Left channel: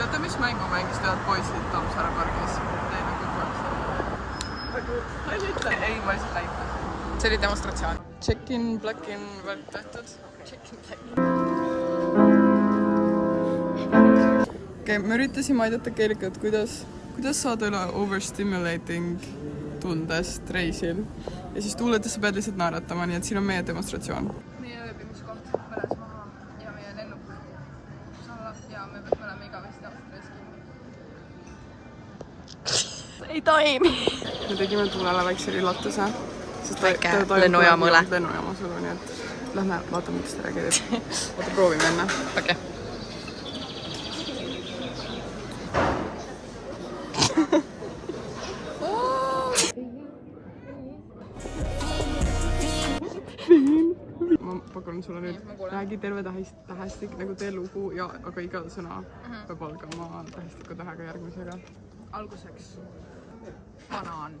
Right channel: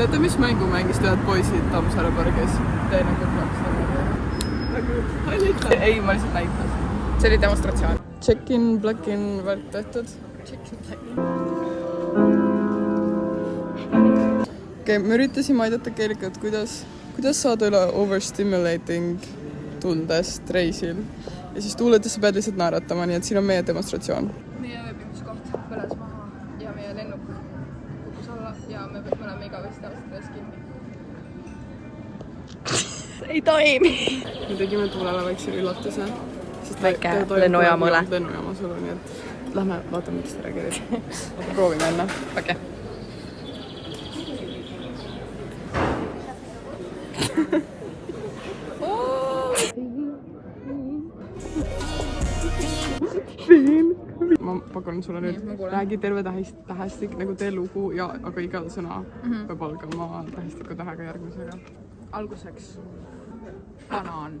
teate, mis mängu mängis tead poisid Tammsaare pargis? Teine kummaks. Ei, ma lihtsalt näitan. See oli demonstratsioon. Check-in, black-in, värk tehtud. Okei, me üritasime aidata Keelikat, kuidas saada üle overstimulating tundest reisil. Ja siis tuuletes sa pead lihtsalt naeratama, nii et siin on meie demonstratsioon. Meie ööbimiskoht põles maha ja meie lennuk kukkus alla ja me oleme igavesti Austrias kinni. Ei toimi! Me tegime Tuulele väikse üllatuse. Väike lennujaama üle. Lennujaama sul, nii et lähme vaatame, mis ta reageerib. Vaata, proovime enne. Okei. Ma pakun sulle nüüd, räägi terve tähestik, nagu tee lugu, aga iga sõna peab algama tähestiku tähega järgmisega. Alguseks banaan,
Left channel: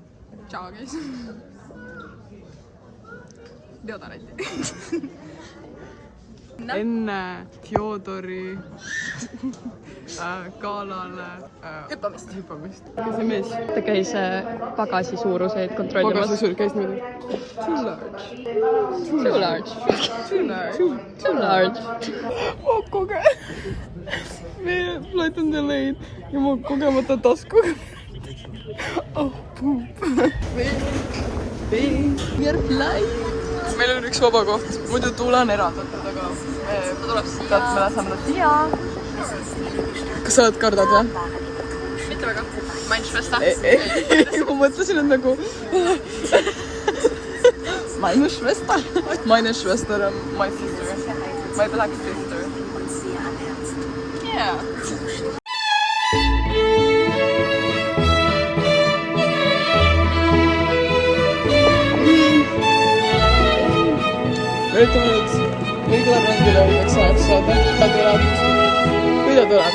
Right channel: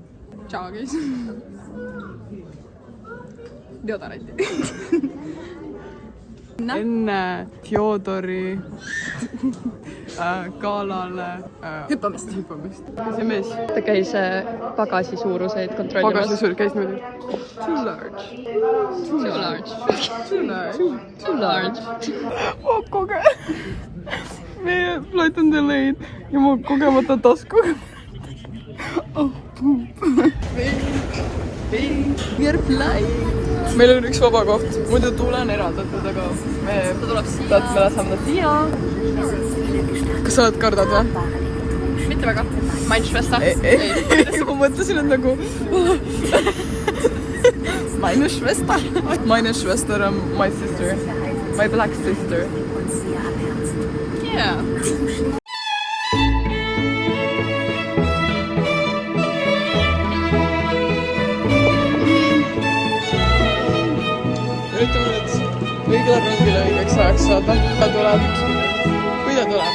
tšaagis, deodoranti. Enne Fjodori galale hüppamist. See mees. Ta käis pagasi suuruseid kontrollimas. Pagasi suur käis niimoodi. Too large. Too large. Too large. Ma meie flight on delayed ja ma kogemata tasku. Oh, poop. Meil on üks vaba koht, muidu Tuule on eraldatud, aga me laseme ta siia. Kas sa oled kardad või? Mitte väga. Mainsvesta? Ei. Kuidas ma mõtlesin, et nagu... Meine Schwester on my sister. My black sister. Yeah. Üritame nüüd õigele rongile õigeks ajaks saada. Kui ta tuleb?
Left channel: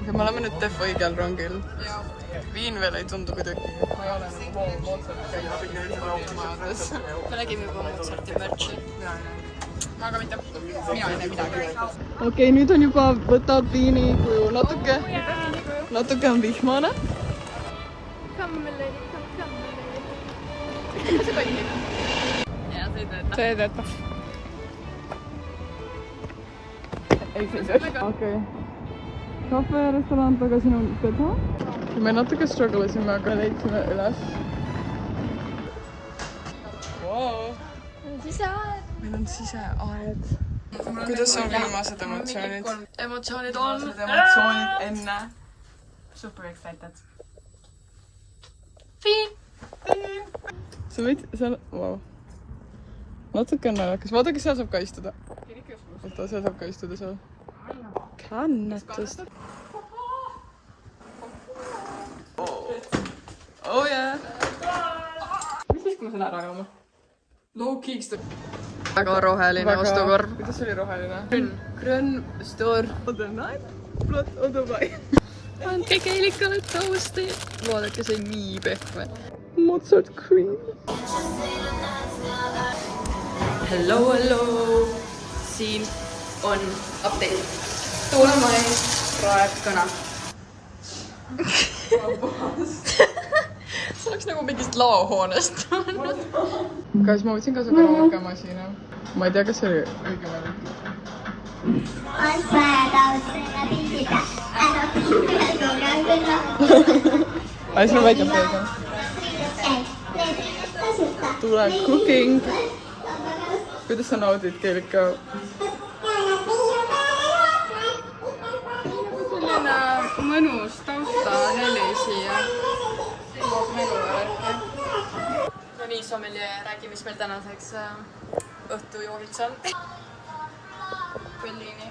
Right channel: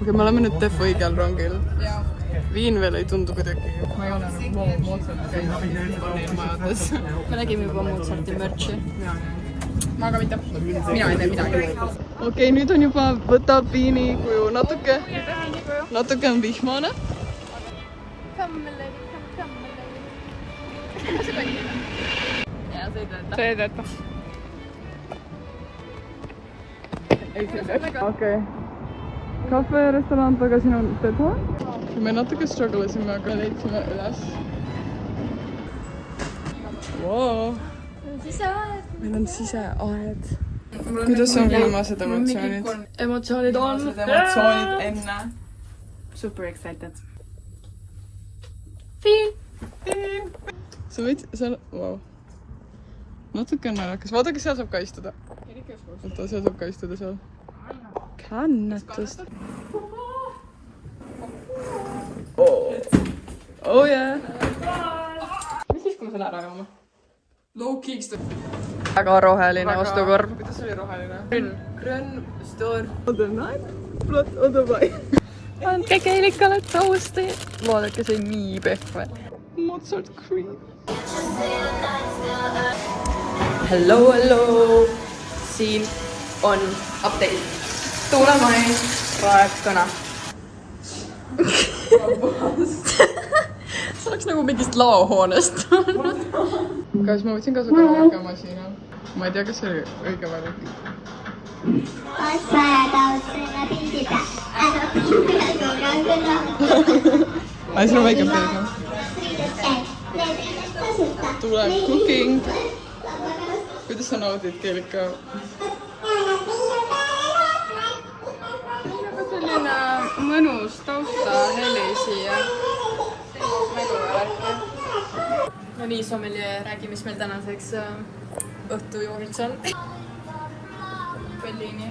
Okei, me oleme nüüd Def õigel rongil. Viin veel ei tundu kuidagi. Ma ei ole nagu Mozart käinud majades. Me nägime juba Mozarti märtsi. Ma aga mitte. Mina ei tee midagi. Okei, nüüd on juba võtavad viini kuju natuke on vihmane. Ja, see ei tööta. See ei tööta. Okei. Kahverestoran tagasi on Peda. Me natuke struggle'isime, aga leidsime üles. Meil on siseaed. Kuidas on viimased emotsioonid? Emotsioonid on. Emotsioonid enne. Super excited. Sa võid seal... Wow. Natuke on naljakas. Vaadake, seal saab ka istuda. Vaata, seal saab ka istuda seal. Hännetust. Oh yeah. Mis siis, kui ma selle ära jooma? Low kicks. Väga roheline ostukorv. Kuidas oli roheline? Grün, stor. Other night, blot other way. Andke Keelikale toasti. Vaadake, see nii pehve. Mozart cream. Hello. Siin on update. Tuule Mai praeb kõna. See oleks nagu mingist laohoonest. Kas ma võtsin ka su karaoke-masina? Ma ei tea, kas see oli õige või. Aga see on väike peegel. Tuule cooking. Kuidas sa naudid, Keelika? Selline mõnus tausta heli siia. No nii, sommelier, räägi, mis meil tänaseks õhtujoogiks on. Bellini.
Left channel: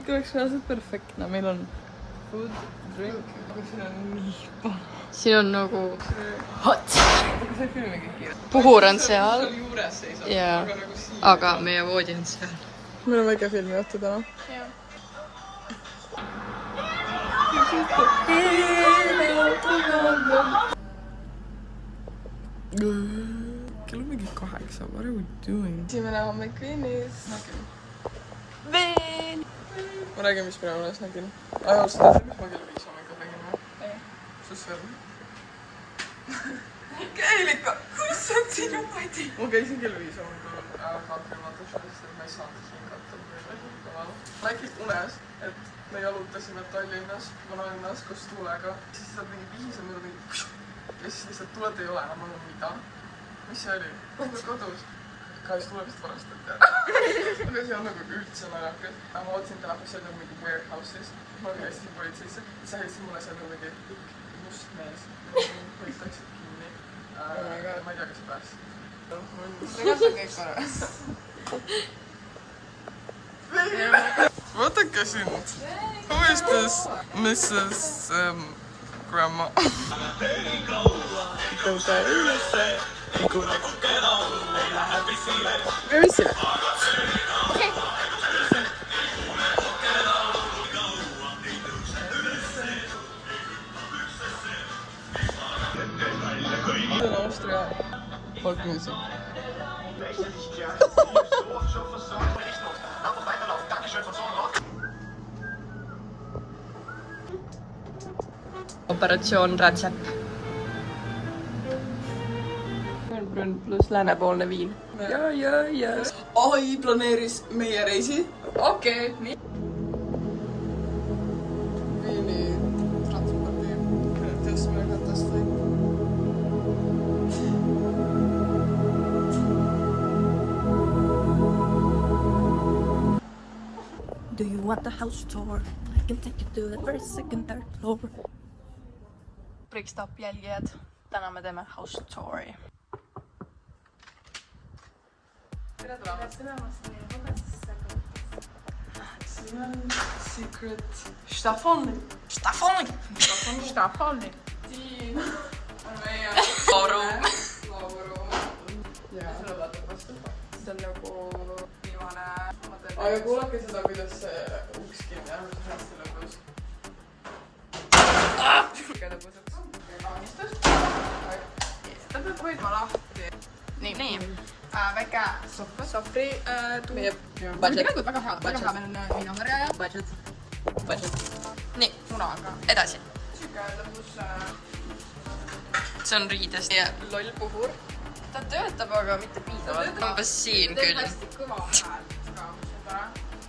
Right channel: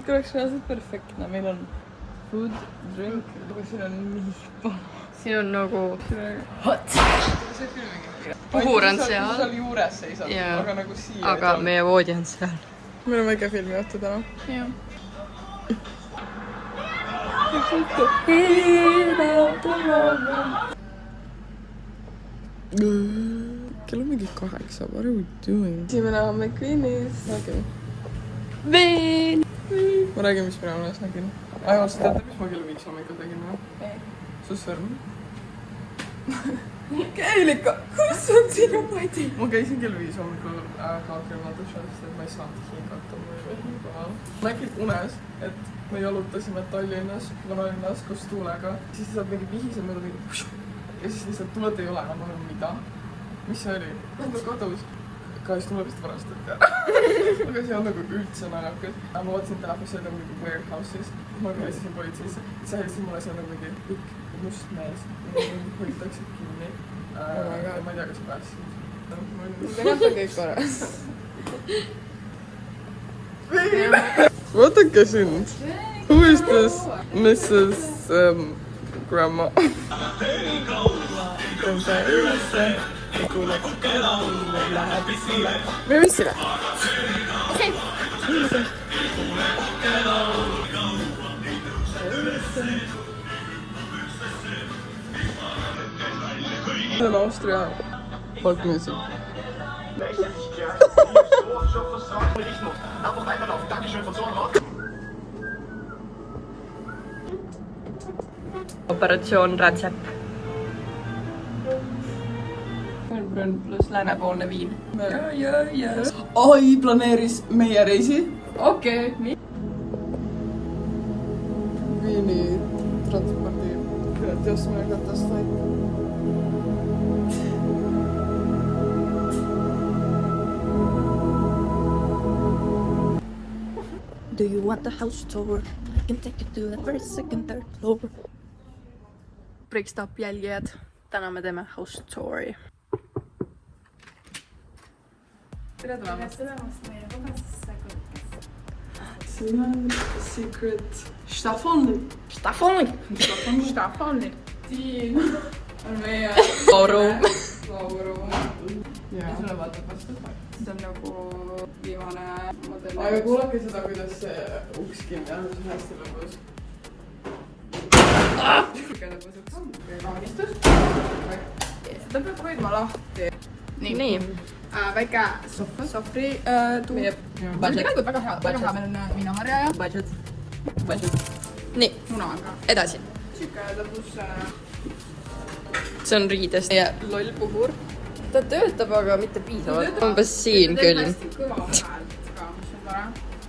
Kõik oleks reaalselt perfektne. Meil on food, drink, aga siin on nii paha. Siin on nagu hot. Puhur on seal. Seal juures seisab, aga nagu siia. Aga meie voodi on seal. Meil on väike film ette täna. Jah. kell on mingi 8, what are we doing? Esimene on McQueenis. okei. Veel. Ma räägin, mis ma alles nägin. Seda, mis ma kell 5 hommikul tegin või? Su sõrm. Keilika, kus on sinu padi? Ma käisin kell 5 hommikul kaakervaatuses, et ma ei saanud hingata, mul oli hingavad. Nägin unes, et me jalutasime Tallinnas, vanalinnas koos Tuulega. Siis lihtsalt mingi vihised mööda mingi ja siis lihtsalt Tuulet ei ole, ma mõtlen, mida? Mis see oli? Mis ta kadus? Kahjuks Tuule vist varastati ära. Aga see on nagu üldse naljakas. Ma vaatasin telefonis, see oli nagu mingi warehouse'is. Ma helistasin politseisse. Siis helistasin mulle, see on nagu mingi pikk must mees. Mingi hoitakse kinni. Ja ma ei tea, kas see päästsid. Tegelikult on kõik korras. Vaadake sind. Who is this Mrs. Grandma? Where is it? Austria folk music. Operatsioon Rätsep. Melbourne pluss läänepoolne viin. AI planeeris meie reisi. Okei. Viini transpordi tõstmine. Do you want the house tour? I can take you to the first, second, third floor. Breakstop jälgijad. Täna me teeme house touri. tere tulemast siin on secret Staffoni. Siin on meie Lauru. mis sulle vaatab vastu? See on nagu viimane model. Aga kuulake seda, kuidas uks kinni on, mis hästi lõbus. Seda peab hoidma lahti. Nii. Väike sohvri tuujab. Budget. Väga hea, meil on viinamarja ja budget. Nii, Muna. edasi. Siuke lõbus See on riidest. meie loll puhur. Ta töötab, aga mitte piisavalt. Umbes siin küll. Kõva hääl, aga mis on vara.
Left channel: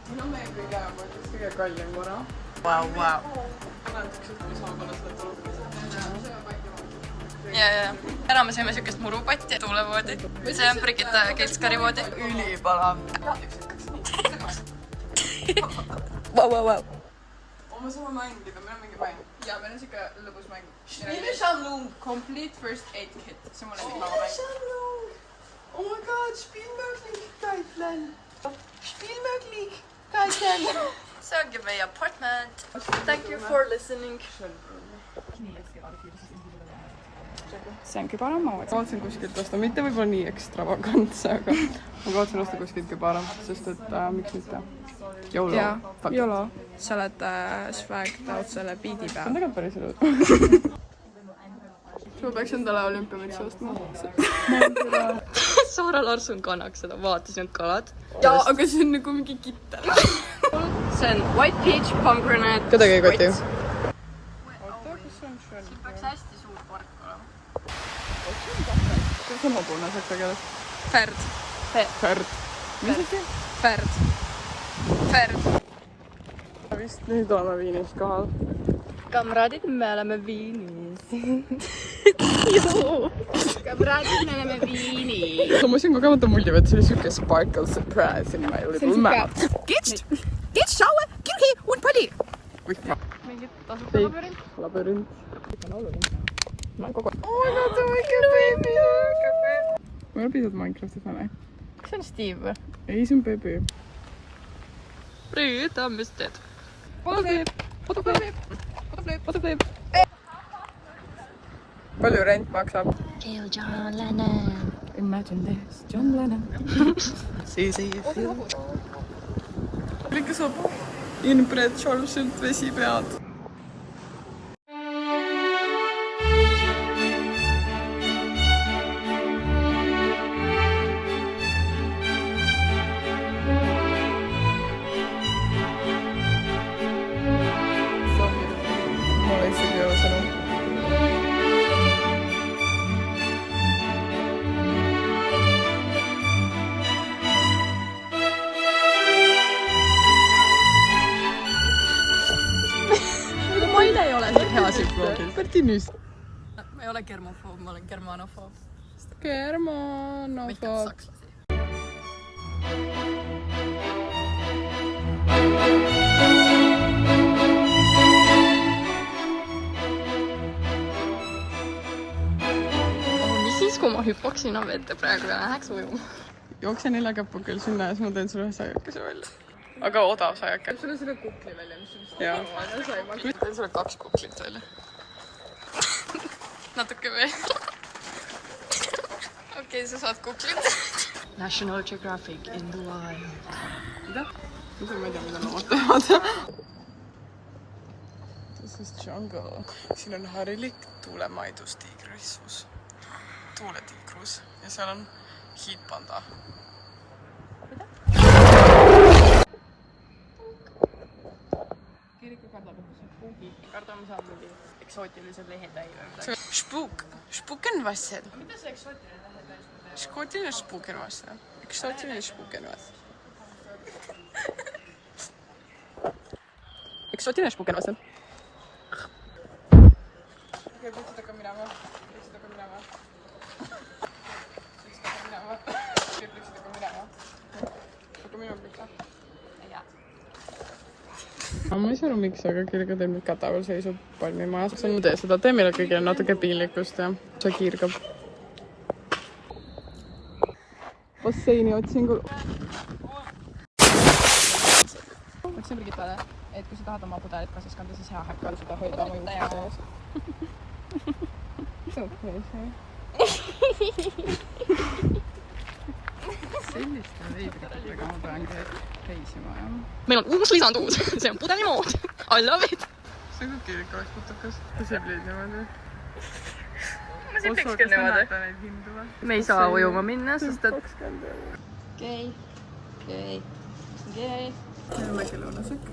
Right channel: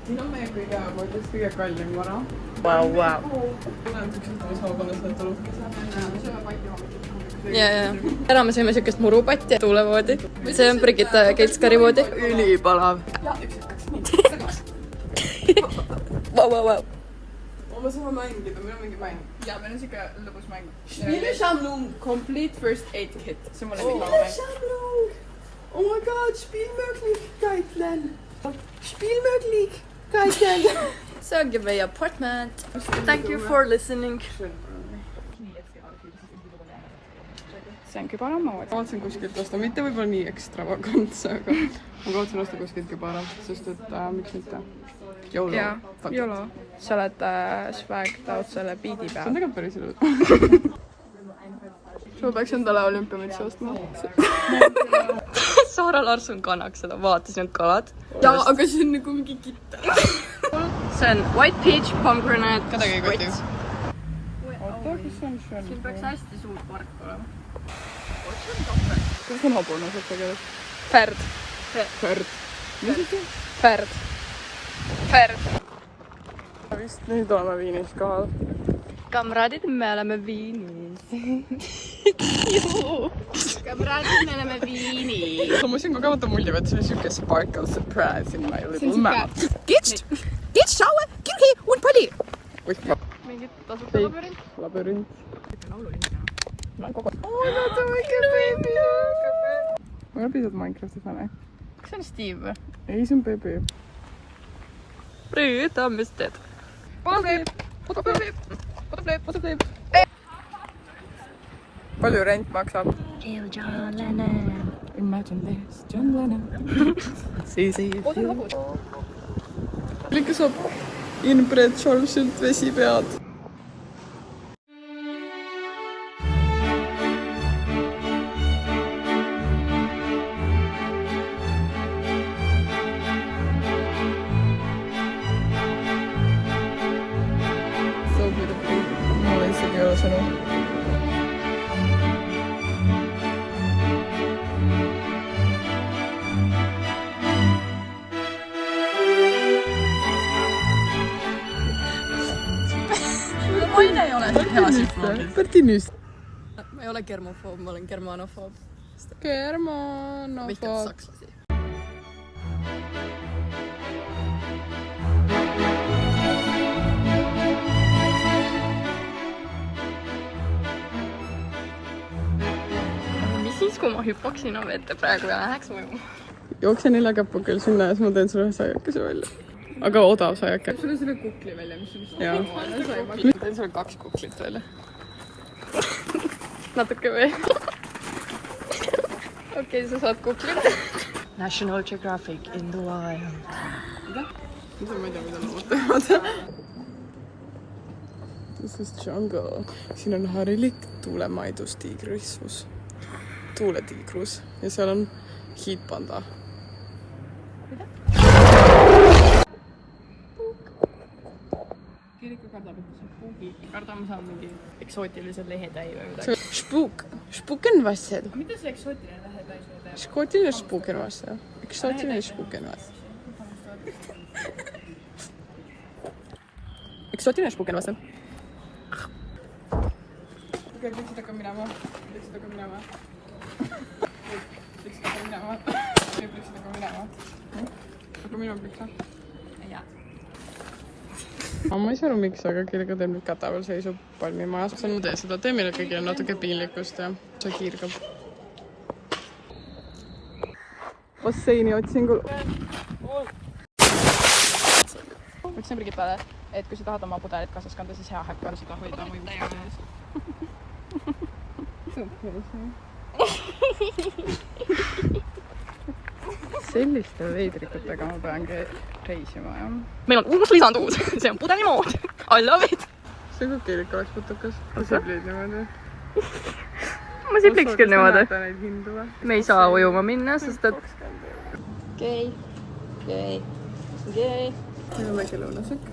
Siin on meie kõige kallim vara. Vau. Ja. Täna me sõime siukest murupatti tuulevoodi. See on Brigitte Keitskari voodi. Ülipalav. Vau. Me saame mängida, meil on mingi mäng. Ja meil on siuke lõbus mäng. Spielbeschallung, complete first aid kit. See on mulle nii laua mäng. Oh my god, Spielmöglichkeiten. See ongi meie apartment. Thank you for listening. See on kübaramood. Ma kavatsen kuskilt osta, mitte võib-olla nii ekstravagantse, aga ma kavatsen osta kuskilt kübara, sest et miks mitte. YOLO. YOLO. Sa oled swagged out selle biidi See on peal. tegelikult päris ilus. Ma peaks endale olümpiamütsi ostma. Saara Larson kannaks seda, vaatas need kalad. Jaa, aga see on nagu mingi kitter. See on white peach pomegranate. Kedagi ei koti. Siin peaks hästi suur park olema. See on hobune saksa keeles. Ferd. Ferd. Mis see? Ferd. Vist nüüd oleme Viinis kohal. Kamraadid, me oleme Viinis. Kamraadid, me oleme Viinis. Ma siin kogemata mullivad, see oli siuke sparkle surprise in my little mouth. Get shower, kirgi und pali. Labürint. Oh my god, see on väike baby. Ma ei ole pisut Minecraftis või? See on Steve või? Ei, see on Pepe. Brüda, mis teed? Fotoflip. Palju rent maksab? Kill John Lennon. Imagine this, John Lennon. Kõike saab inbred Charlesilt vesi pead. Bertinis. Ma ei ole germofoob, ma olen germanofoob. Germanofoob. Vihkat sakslasi. Mis siis, kui ma hüppaks sinna vette praegu ja läheks ujuma? Jookse 4 käpukil sinna ja siis ma teen sulle ühe saiakese välja. Aga odav saiake. Sulle selle kukli välja, mis sul Jaa. Ma teen sulle 2 kuklit välja. Natuke veel. Okei, sa saad kuklit. National Geographic in the wild. Mida? Ma ei tea, mida nad ootavad. This is jungle. Siin on harilik tuulemaidus tiigrissus. Tuuletiigrus. Ja seal on hiidpanda. Kirika kardab, et see spuugi. Kardame saan mingi eksootilised lehetäi või midagi. Spuuk. Spuukenvassed. Mida see eksootiline lähetäis on? Eksootiline spuukenvassed. Eksootiline spuukenvassed. Eksootiline spuukenvassed. Okei, pliksid hakkab minema. Pliksid hakkab minema. Pliksid hakkab minema. Pliksid hakkab minema. Hakkab minema pliksa. Ma ei saa aru, miks, aga kellega teil nüüd kataval seisub palmimajas. See on tee seda, tee meile kõigile natuke piinlikkust ja see kiirgab. Basseini otsingul. Ütlesin Brigittale, et kui sa tahad oma pudelit kaasas kanda, siis hea hakkan seda hoida oma juurde ees. Selliste veidrikutega ma peangi reisima, jah. Meil on uus lisanduus. See on pudelimood. I love it. See on kui keelik oleks putukas. Kui siblid niimoodi. Ma sibliks küll niimoodi. Me ei saa ujuma minna, sest et... Okei. Meil on väike lõunasöök.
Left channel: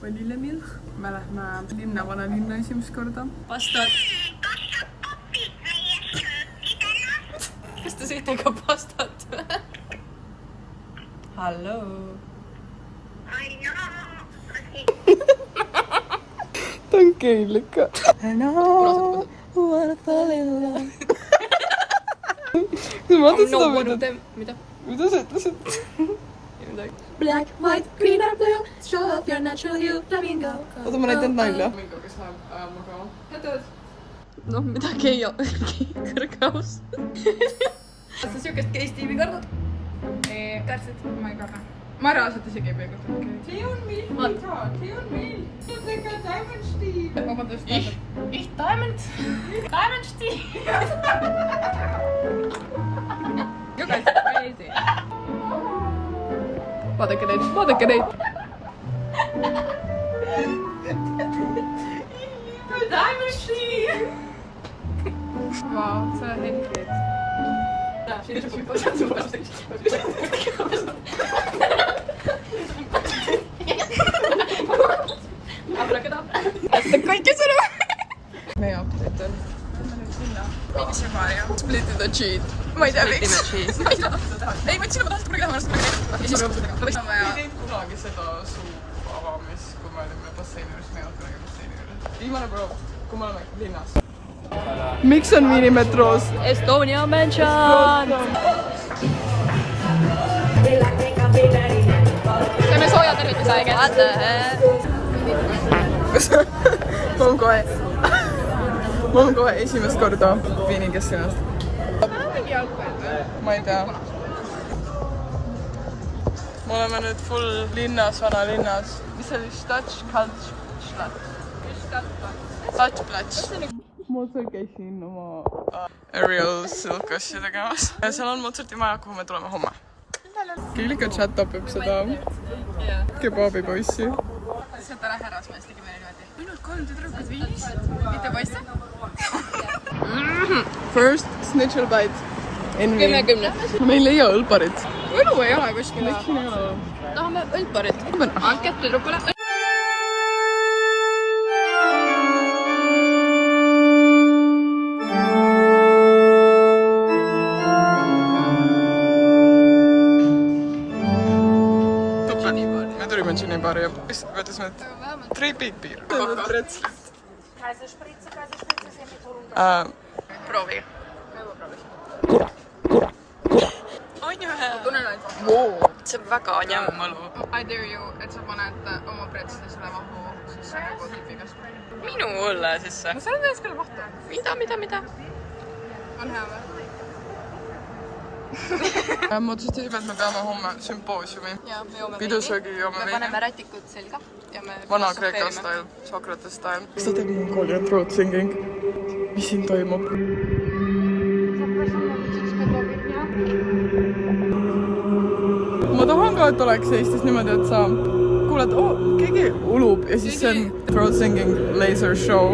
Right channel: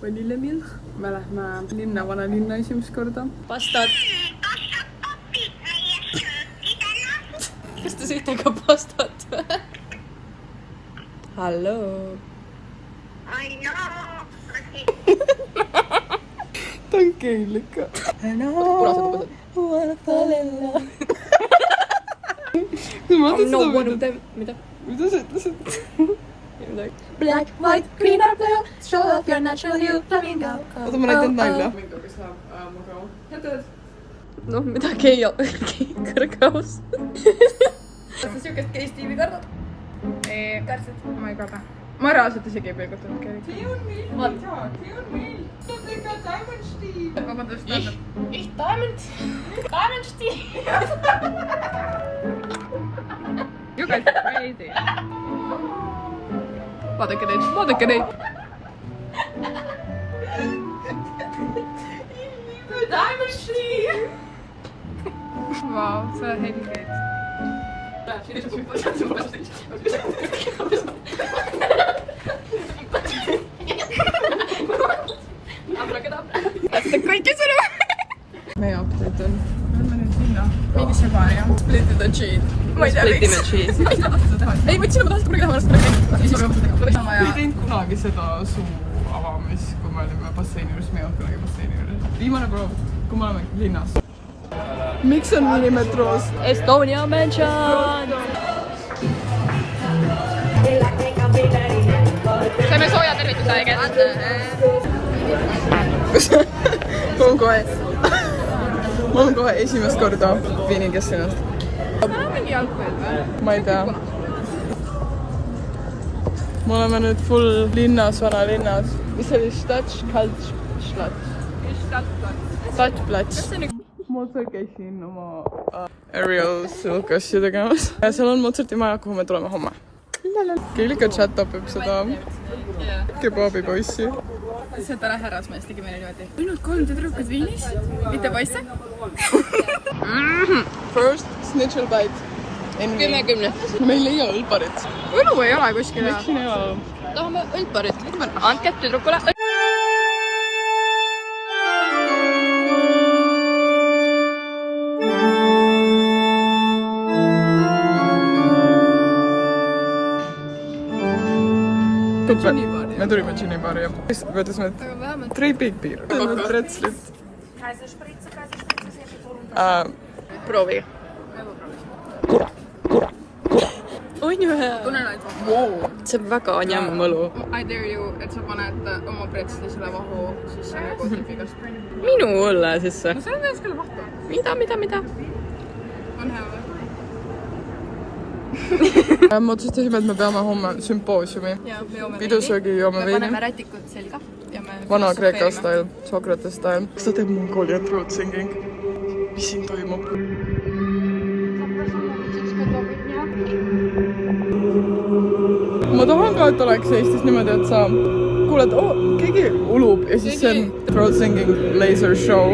Vanillemilk. Me lähme linna, vanalinna esimest korda. Pastat. Kas te sõite ka pastat või? Hallo. Ta on keelik ka. Punased I'm not one of them. Mida? Mida sa ütlesid? Black, white, green or blue, show off your natural hue, flamingo. Oota, ma näitan nalja. Flamingo, kes läheb ajal magama. Jätad? Noh, midagi ei ole kõrgaus. Kas sa siukest K-Steve'i kardad? Kärsid? Ma ei karda. Ma reaalselt isegi ei pilgutanud keegi. See on meil, Liisa. See on meil. See on like a diamond Steve. Vabandust, Ich diamond. Diamond Steve. You guys are crazy. Vaadake neid, vaadake neid. Diamond Steve. Vau, see on helgeid. Kaikki sõnum. Meie optid on Mingisse baari, jah. splitted the cheese. Ma ei tea, miks. Ei, võtsin juba tahtnud kunagi pärast kunagi teinud. Ja siis oleks sama Ma ei ja... teinud kunagi seda suu avamist, kui me olime basseini juures, me ei olnud kunagi basseini juures. Viimane kord, kui me oleme linnas. Miks on miinimetroos? Estonia mention. Saime sooja tervituse aega. Ma olen kohe esimest korda Viinikest ennast. Mingi jalgpall või? Ma ei tea. Me oleme nüüd full linnas, vanalinnas. Mis oli Stadtplatz. Mozart käisin oma aerial silkassi tegemas. Seal on Mozarti maja, kuhu me tuleme homme. Keelika chat õpib seda kebaabipoissi. See on täna härrasmees, tegi meile niimoodi. Ainult 3 tüdrukut Viinis? Mitte poisse? First snitchel bite. 10. Me ei leia õlparit. Õlgu ei ole kuskil. Miks siin ei ole? Tahame õlparit. Andke tüdrukule. Me tulime Gini baari ja võtasime 3 big beer. Rätslit. proovige. On ju hea? See on väga njämmõlu. I dare you, et sa paned oma pretslisele vahu sisse nagu tüüpigast. Minu õlle sisse. No see on täis küll vahtu. Mida? On hea või? Me otsustasime, et me peame homme sümpoosiumi. Ja, me joome Pidusöögi joome ja veini. paneme rätikut selga. Ja me Vana-Kreeka style, Socrates style. Kas ta teeb Mongolian throat singing? Mis siin toimub? Ma tahan ka, et oleks Eestis niimoodi, et sa kuuled, keegi ulub ja siis see on throat singing laser show.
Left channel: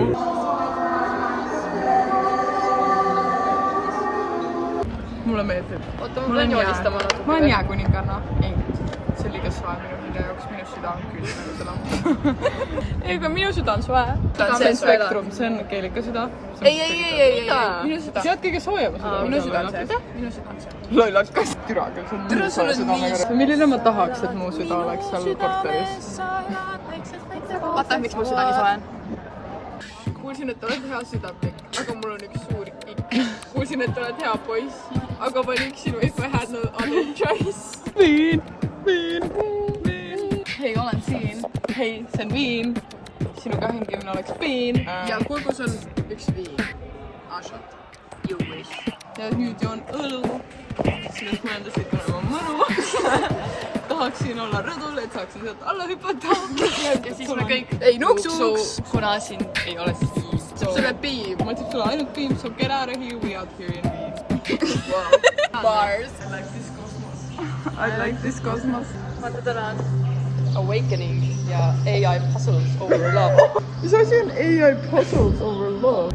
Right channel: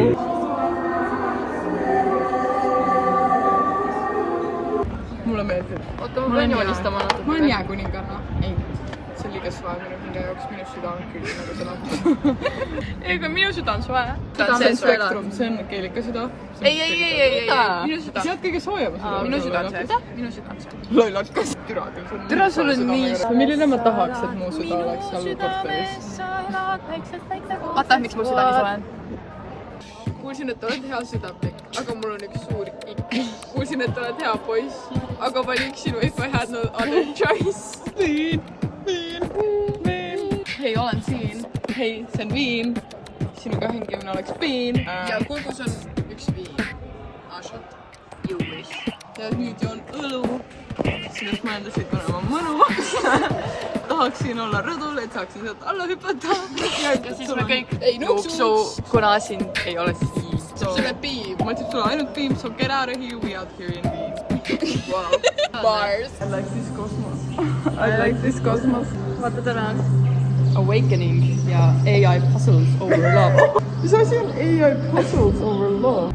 Mulle meeldib. Ma olen jääkuninganna. Ei, see on liiga soe minu hinge jaoks, minu süda on küll nagu täna. Ei, aga minu süda on soe. See on spektrum, see on keelika süda. Ei. Minu süda. See on kõige soojema süda. Minu süda on see. Minu süda on see. Lollakas. Türa küll, see on nii soe süda. Milline ma tahaks, et mu süda oleks seal korteris? Vaata, miks mu süda nii soe on. Kuulsin, et oled hea südamlik, aga mul on üks suur ikk. Kuulsin, et oled hea poiss, aga valiksin if I had no other choice. Viin. Hei, olen siin. Hei, see on viin. Sinuga hängimine oleks viin. Ja kulgus on üks viin. Ashot. Juulis. Ja nüüd joon õlu. Siis mõendasid väga mõnu. Tahaksin olla rõdul, et saaksin sealt alla hüpata. Ja siis me kõik Ei nuksuks. kuna siin ei ole siis Sulle piim. Ma ütleks sulle ainult piim, so get out of here, we out here in Viin. Bars. I like this cosmos. I like this cosmos. Vaata täna. Awakening ja AI puzzles over love. Mis asi on AI puzzles over love?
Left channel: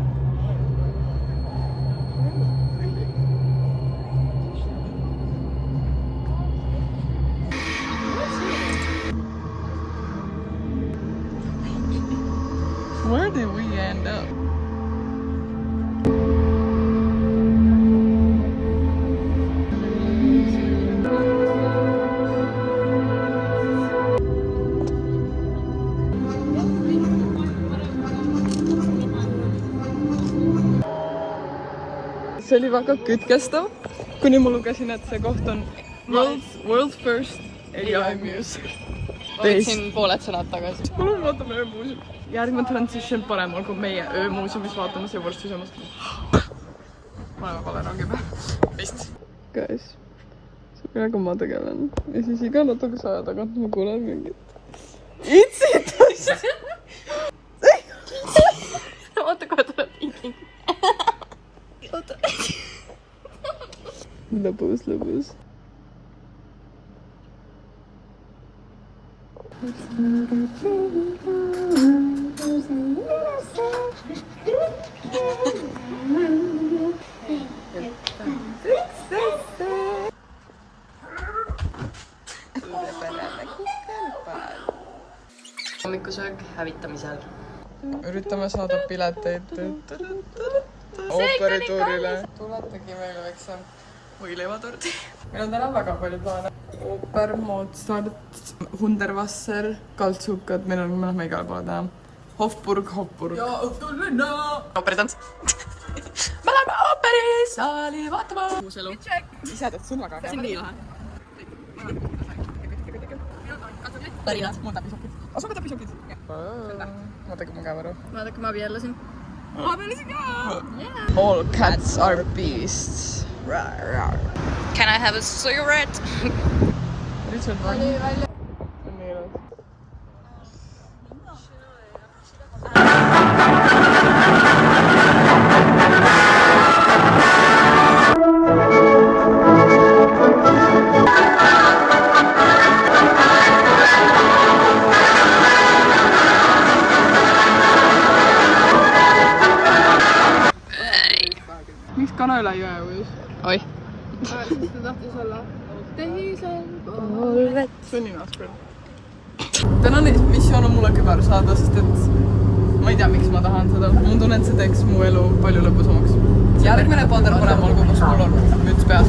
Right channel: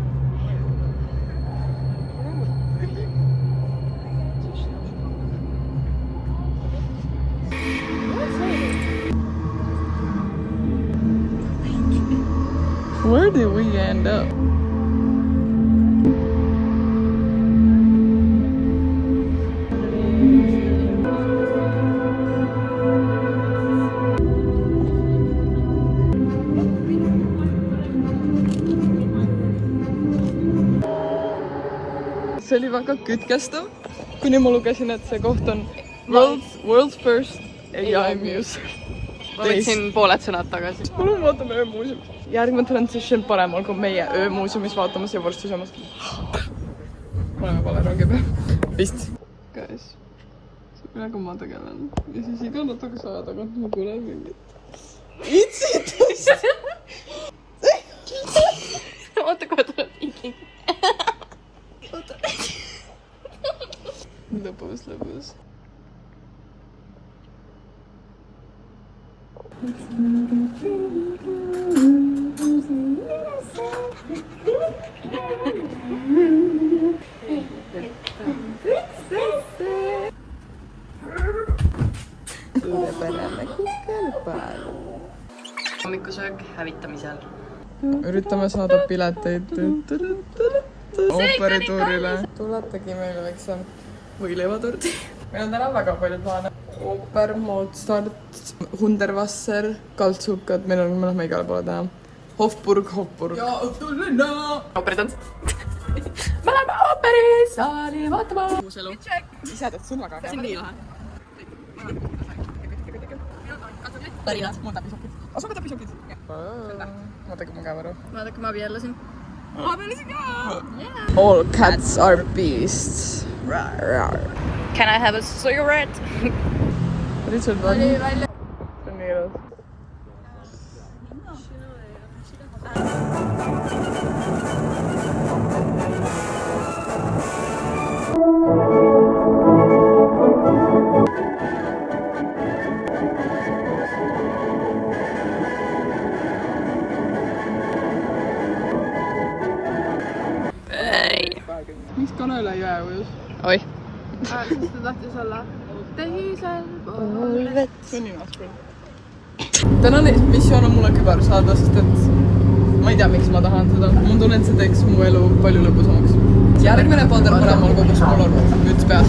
Where did we end up? See oli väga kütkestav, kuni ma lugesin, et see koht on world's first AI museum. Võtsin pooled sõnad tagasi. Palun vaatame öömuuseumis. Järgmine transition paremal kui meie öömuuseumis vaatamas ja vorsti samas. Ma olen vale rongi peal. Vist. Guys, millega ma tegelen. Ja siis iga natukese aja tagant ma kuulen mingit itsitust. Oota, kohe tuleb iking. Lõbus. Hommikusöök hävitamisel. Üritame saada pileteid ooperituurile. Tuletagi meile väikse võileivatordi. Meil on täna väga palju plaane. Ooper, Mozart, Hunderwasser, kaltsukad, meil on mõned igale poole täna. Hofburg. Ja õhtulinna! Ooperitants. Me oleme ooperisaali vaatama. Uus elu. Ise teed sõnaga. See on nii lahe. Pärinad. Mul täpisokid. Asuga täpisokid. Vaata, kui ma käe võru. Vaadake, ma abiellusin. Abiellusin ka! All cats are beasts. Can I have a cigarette? Richard on. See on nii ilus. Miks kana üle jõe ujus? Oi. Ta tahtis olla teisel Polvet. See on nii raske. Tänane missioon on mulle kübar saada, sest et ma ei tea, miks ma tahan seda. Ma tunnen, et see teeks mu elu palju lõbusamaks. Järgmine pader paremal kogus mul on müts peas.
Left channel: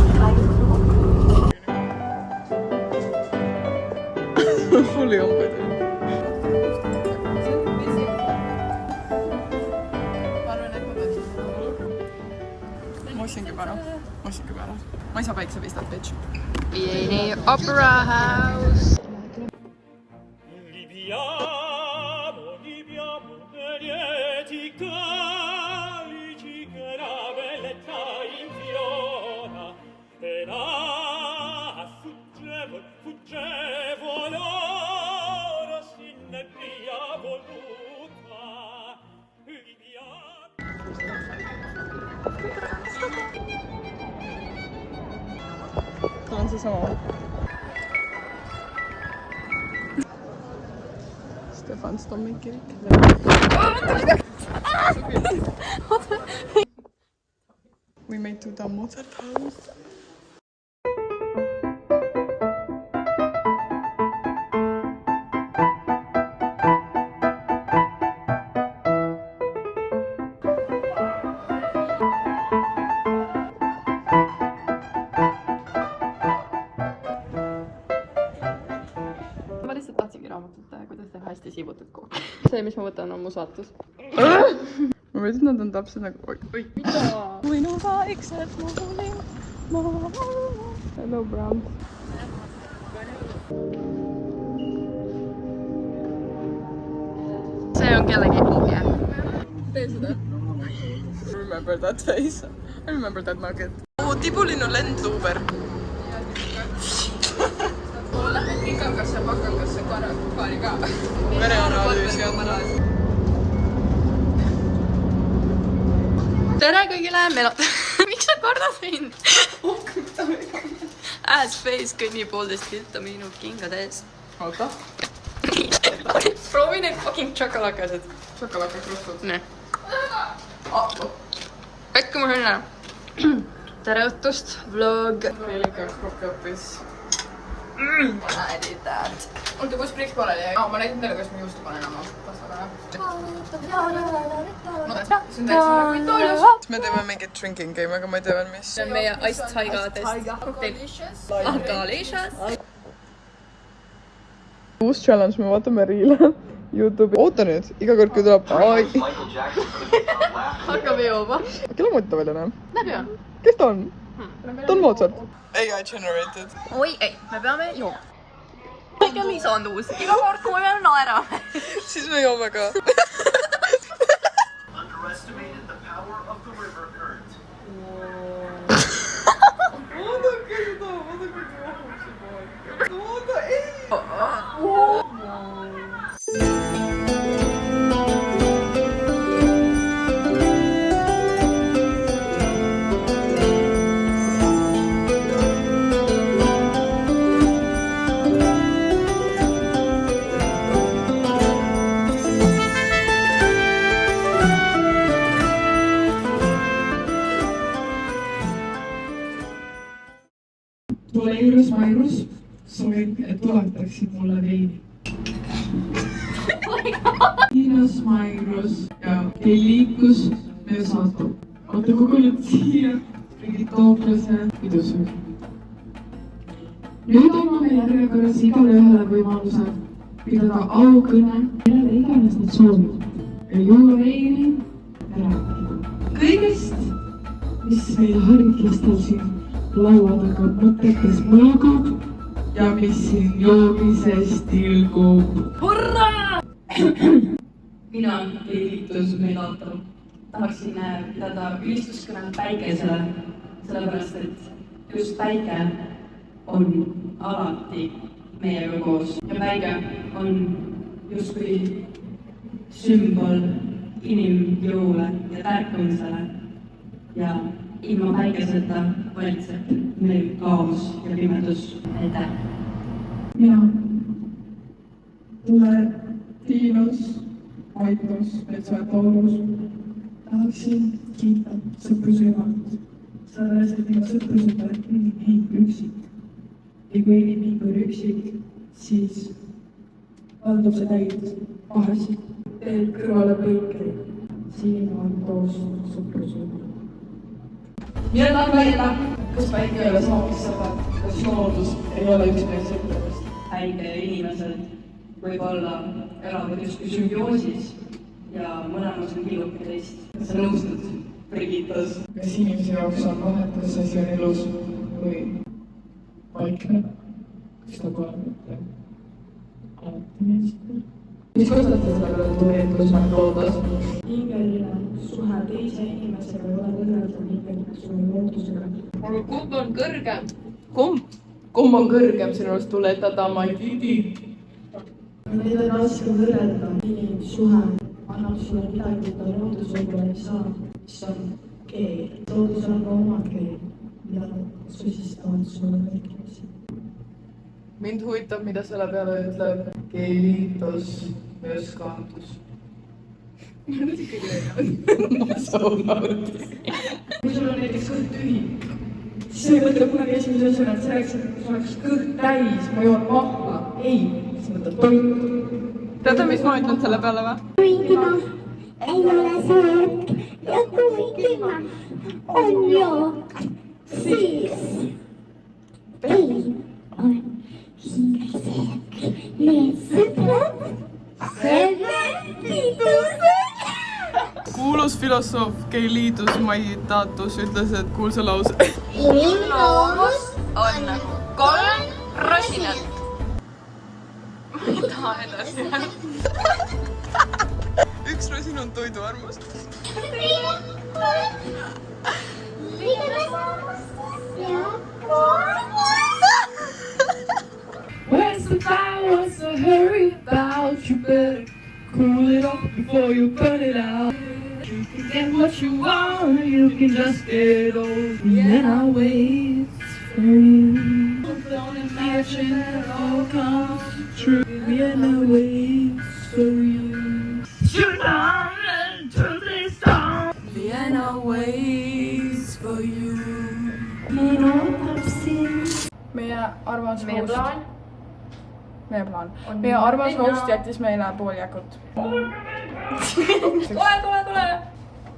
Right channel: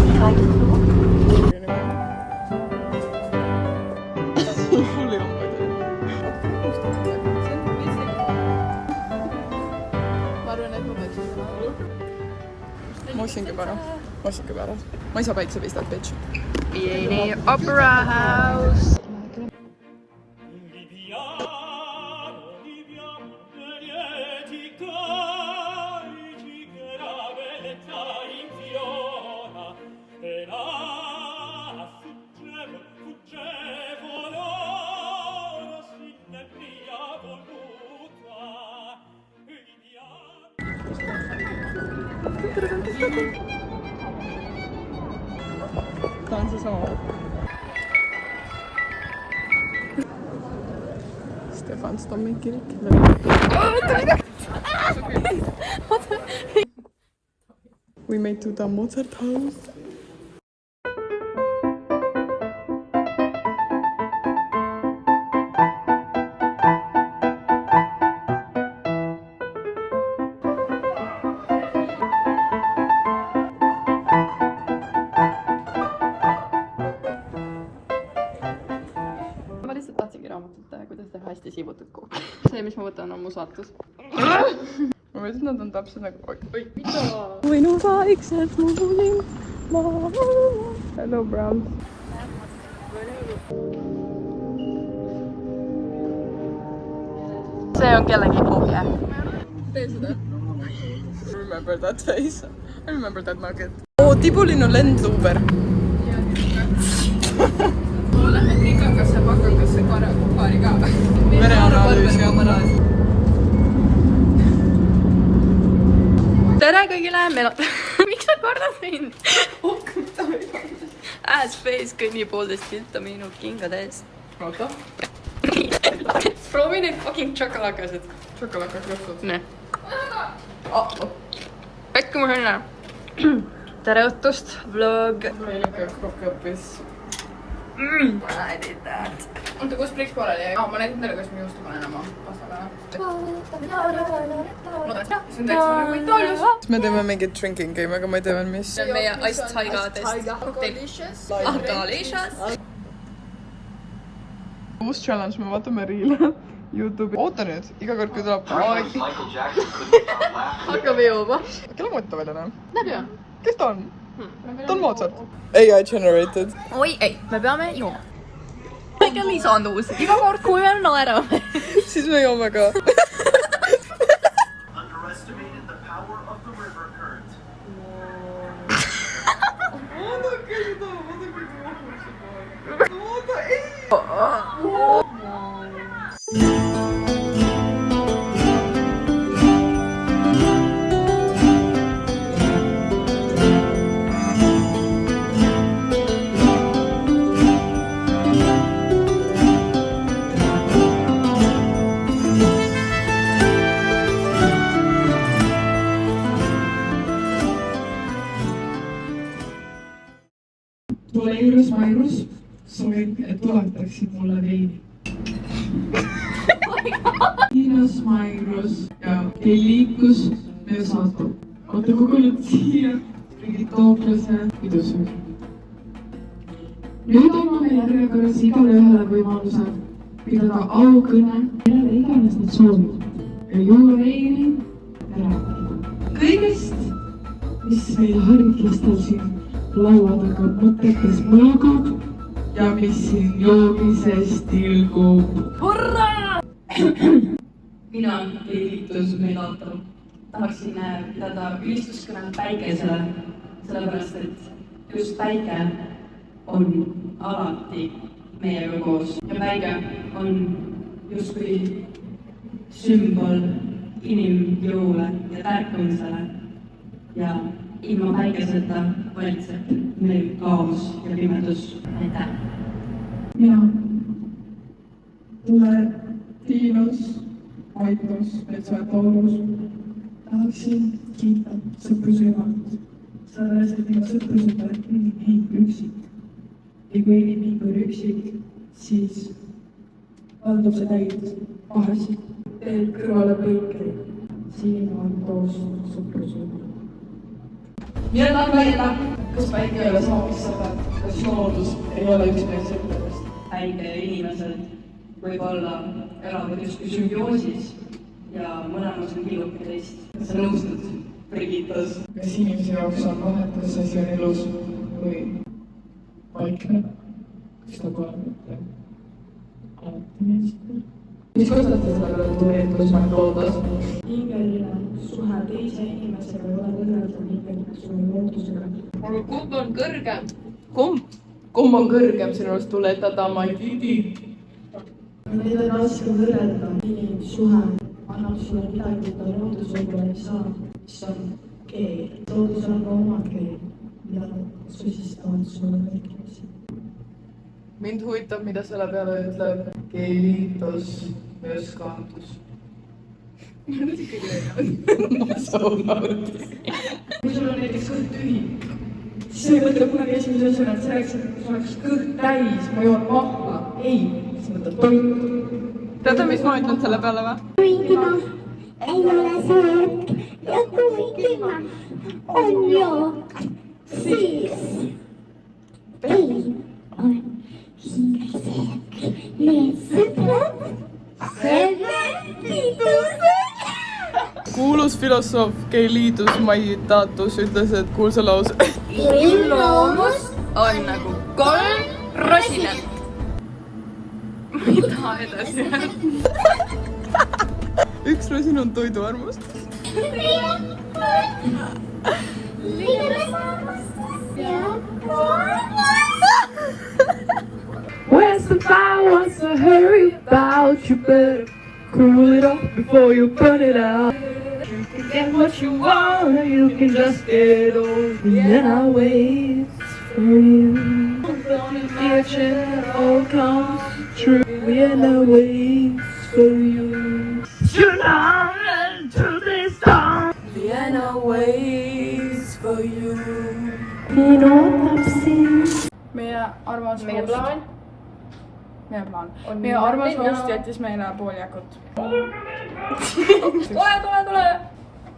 Mul ei olnud. Ma arvan, et ma peaksin täna panu. Massika peale. Ma ei saa päiksepistat, bitch. Vieni Opera House. Tää on se sama. Stefan Stammen kirik. We made to the Mozart house. Hästi siivutud kogu. See, mis ma võtan, on mu saatus. Ma mõtlesin, et nad on täpselt nagu... Oi, mida? Võinu vaikselt kuulin maa. Hello, Browns. See on kellegi ohje. Tee seda. Remember that face. I remember that nugget. Tibulin on lendluuber. Lähen rikakasse, pakakasse, paari ka. Vereanalüüs ja Tere kõigile, meil on... Miks sa kordad mind? Ass face kõnnib 1,5 kilta minu kingade ees. Oota. Proovi neid fucking tšokolakasid. Tšokolakakrustud. Ne. Äkki ma sain ära. Tere õhtust, vlog. Meil ikka kokkaõppes. I did that. Oota, kus priks pooleli jäi? Ma näitan teile, kas ma juustu panen oma pasta peale. See on täitsa nagu Itaalias. Me teeme mingit drinking game, aga ma ei tea veel mis. See on meie iced taiga test. Delicious. Delicious. Uus challenge, me vaatame Reel'e YouTube'i. Oota nüüd, iga kord kui tuleb... Hakkame jooma. Kelle mõte ta välja näeb? Näeb ju. Kes ta on? Ta on Mozart. AI generated. Oi, ei, me peame jooma. Kõik on nii saanud uus. Iga kord, kui me naerame. Siis me joome ka. Tule juures Mairus, soovin, et tuletaksid mulle veini. Hiinas Mairus ja teil liikus meie saatu. Olete kogunud siia mingid tooklase pidusöögi. Nüüd anname järjekorras igale ühele võimaluse pidada aukõne, millele iganes nad soovivad. Ja juua veini ja rääkida. Kõigest, mis meil haritlastel siin laua taga mõtetes mõõgub ja mis siin joomises tilgub. Hurraa! Mina, Liitus Meilato, tahaksin pidada ülistuskõne päikesele, sellepärast et just päike on alati meiega koos. Ja päike on justkui sümbol inimjõule ja tärkamisele ja ilma päikeseta valitseb meil kaos ja pimedus. Aitäh! Mina, Tule, Tiinos, Aitos, Metsa-Taurus, tahaksin kiita sõprusrühmalt, sellepärast, et minu sõprused on inimhing üksik. Ja kui inimhing on üksik, siis valdab see täid pahasid. Teel kõrvale põikri, siin on koos sõprusrühmalt. Mina tahan väida, kas päike ei ole saamist sõbrad, kas loodus ei ole üks meie sõpradest. Päike ja inimesed võib-olla elavad justkui sümbioosis ja mõlemas on killuke teist. Kas sa nõustud Brigitas. kas inimese jaoks on vahet, kas asi on elus või vaikne? Kas ta pole mitte alati meeldiv? Mis kostate selle peale, et tuuletus on loodas? Hingeline suhe teise inimesega ei ole võrreldav hingeline suhe loodusega. aga kumb on kõrgem? Kumb on kõrgem sinu arust tuletada, ma ei tea. Neid on raske võrrelda. Inimsuhe annab sulle midagi, mida loodus võib-olla ei saa, mis on keel. Loodus on ka oma keel, mida susistavad sulle kõik inimesed. Mind huvitab, mida selle peale ütleb keelitus ja skandus. Ma soonautis. Kui sul on näiteks kõht tühi, siis sa ei mõtle kunagi esimese asjana, et selleks, et sul oleks kõht täis, ma joon mahla. Ei, sa mõtled toitu. Teate, mis ma ütlen selle peale või? kuigi ma ei ole söök ja kuigi ma on jook, siis ei on hingesöök. Need sõbrad, pidused. kuulus filosoof Keiliidus Maitatus ütles, et kuulsa lause. inimloomus on nagu 3 rosinat. Ma ei taha edasi. Üks rosin on toiduarmust. When somebody wants to hurry about, you better cool it off before you burn it out. You can get what you want, you can just get old. And I'll wait for you. Future all comes true, and I'll wait for you. Tonight to this time, Vienna waits for you. Minu tapsin. Meie armas Meie host. plaan Meie armas host jättis meile toolijakut. Tule!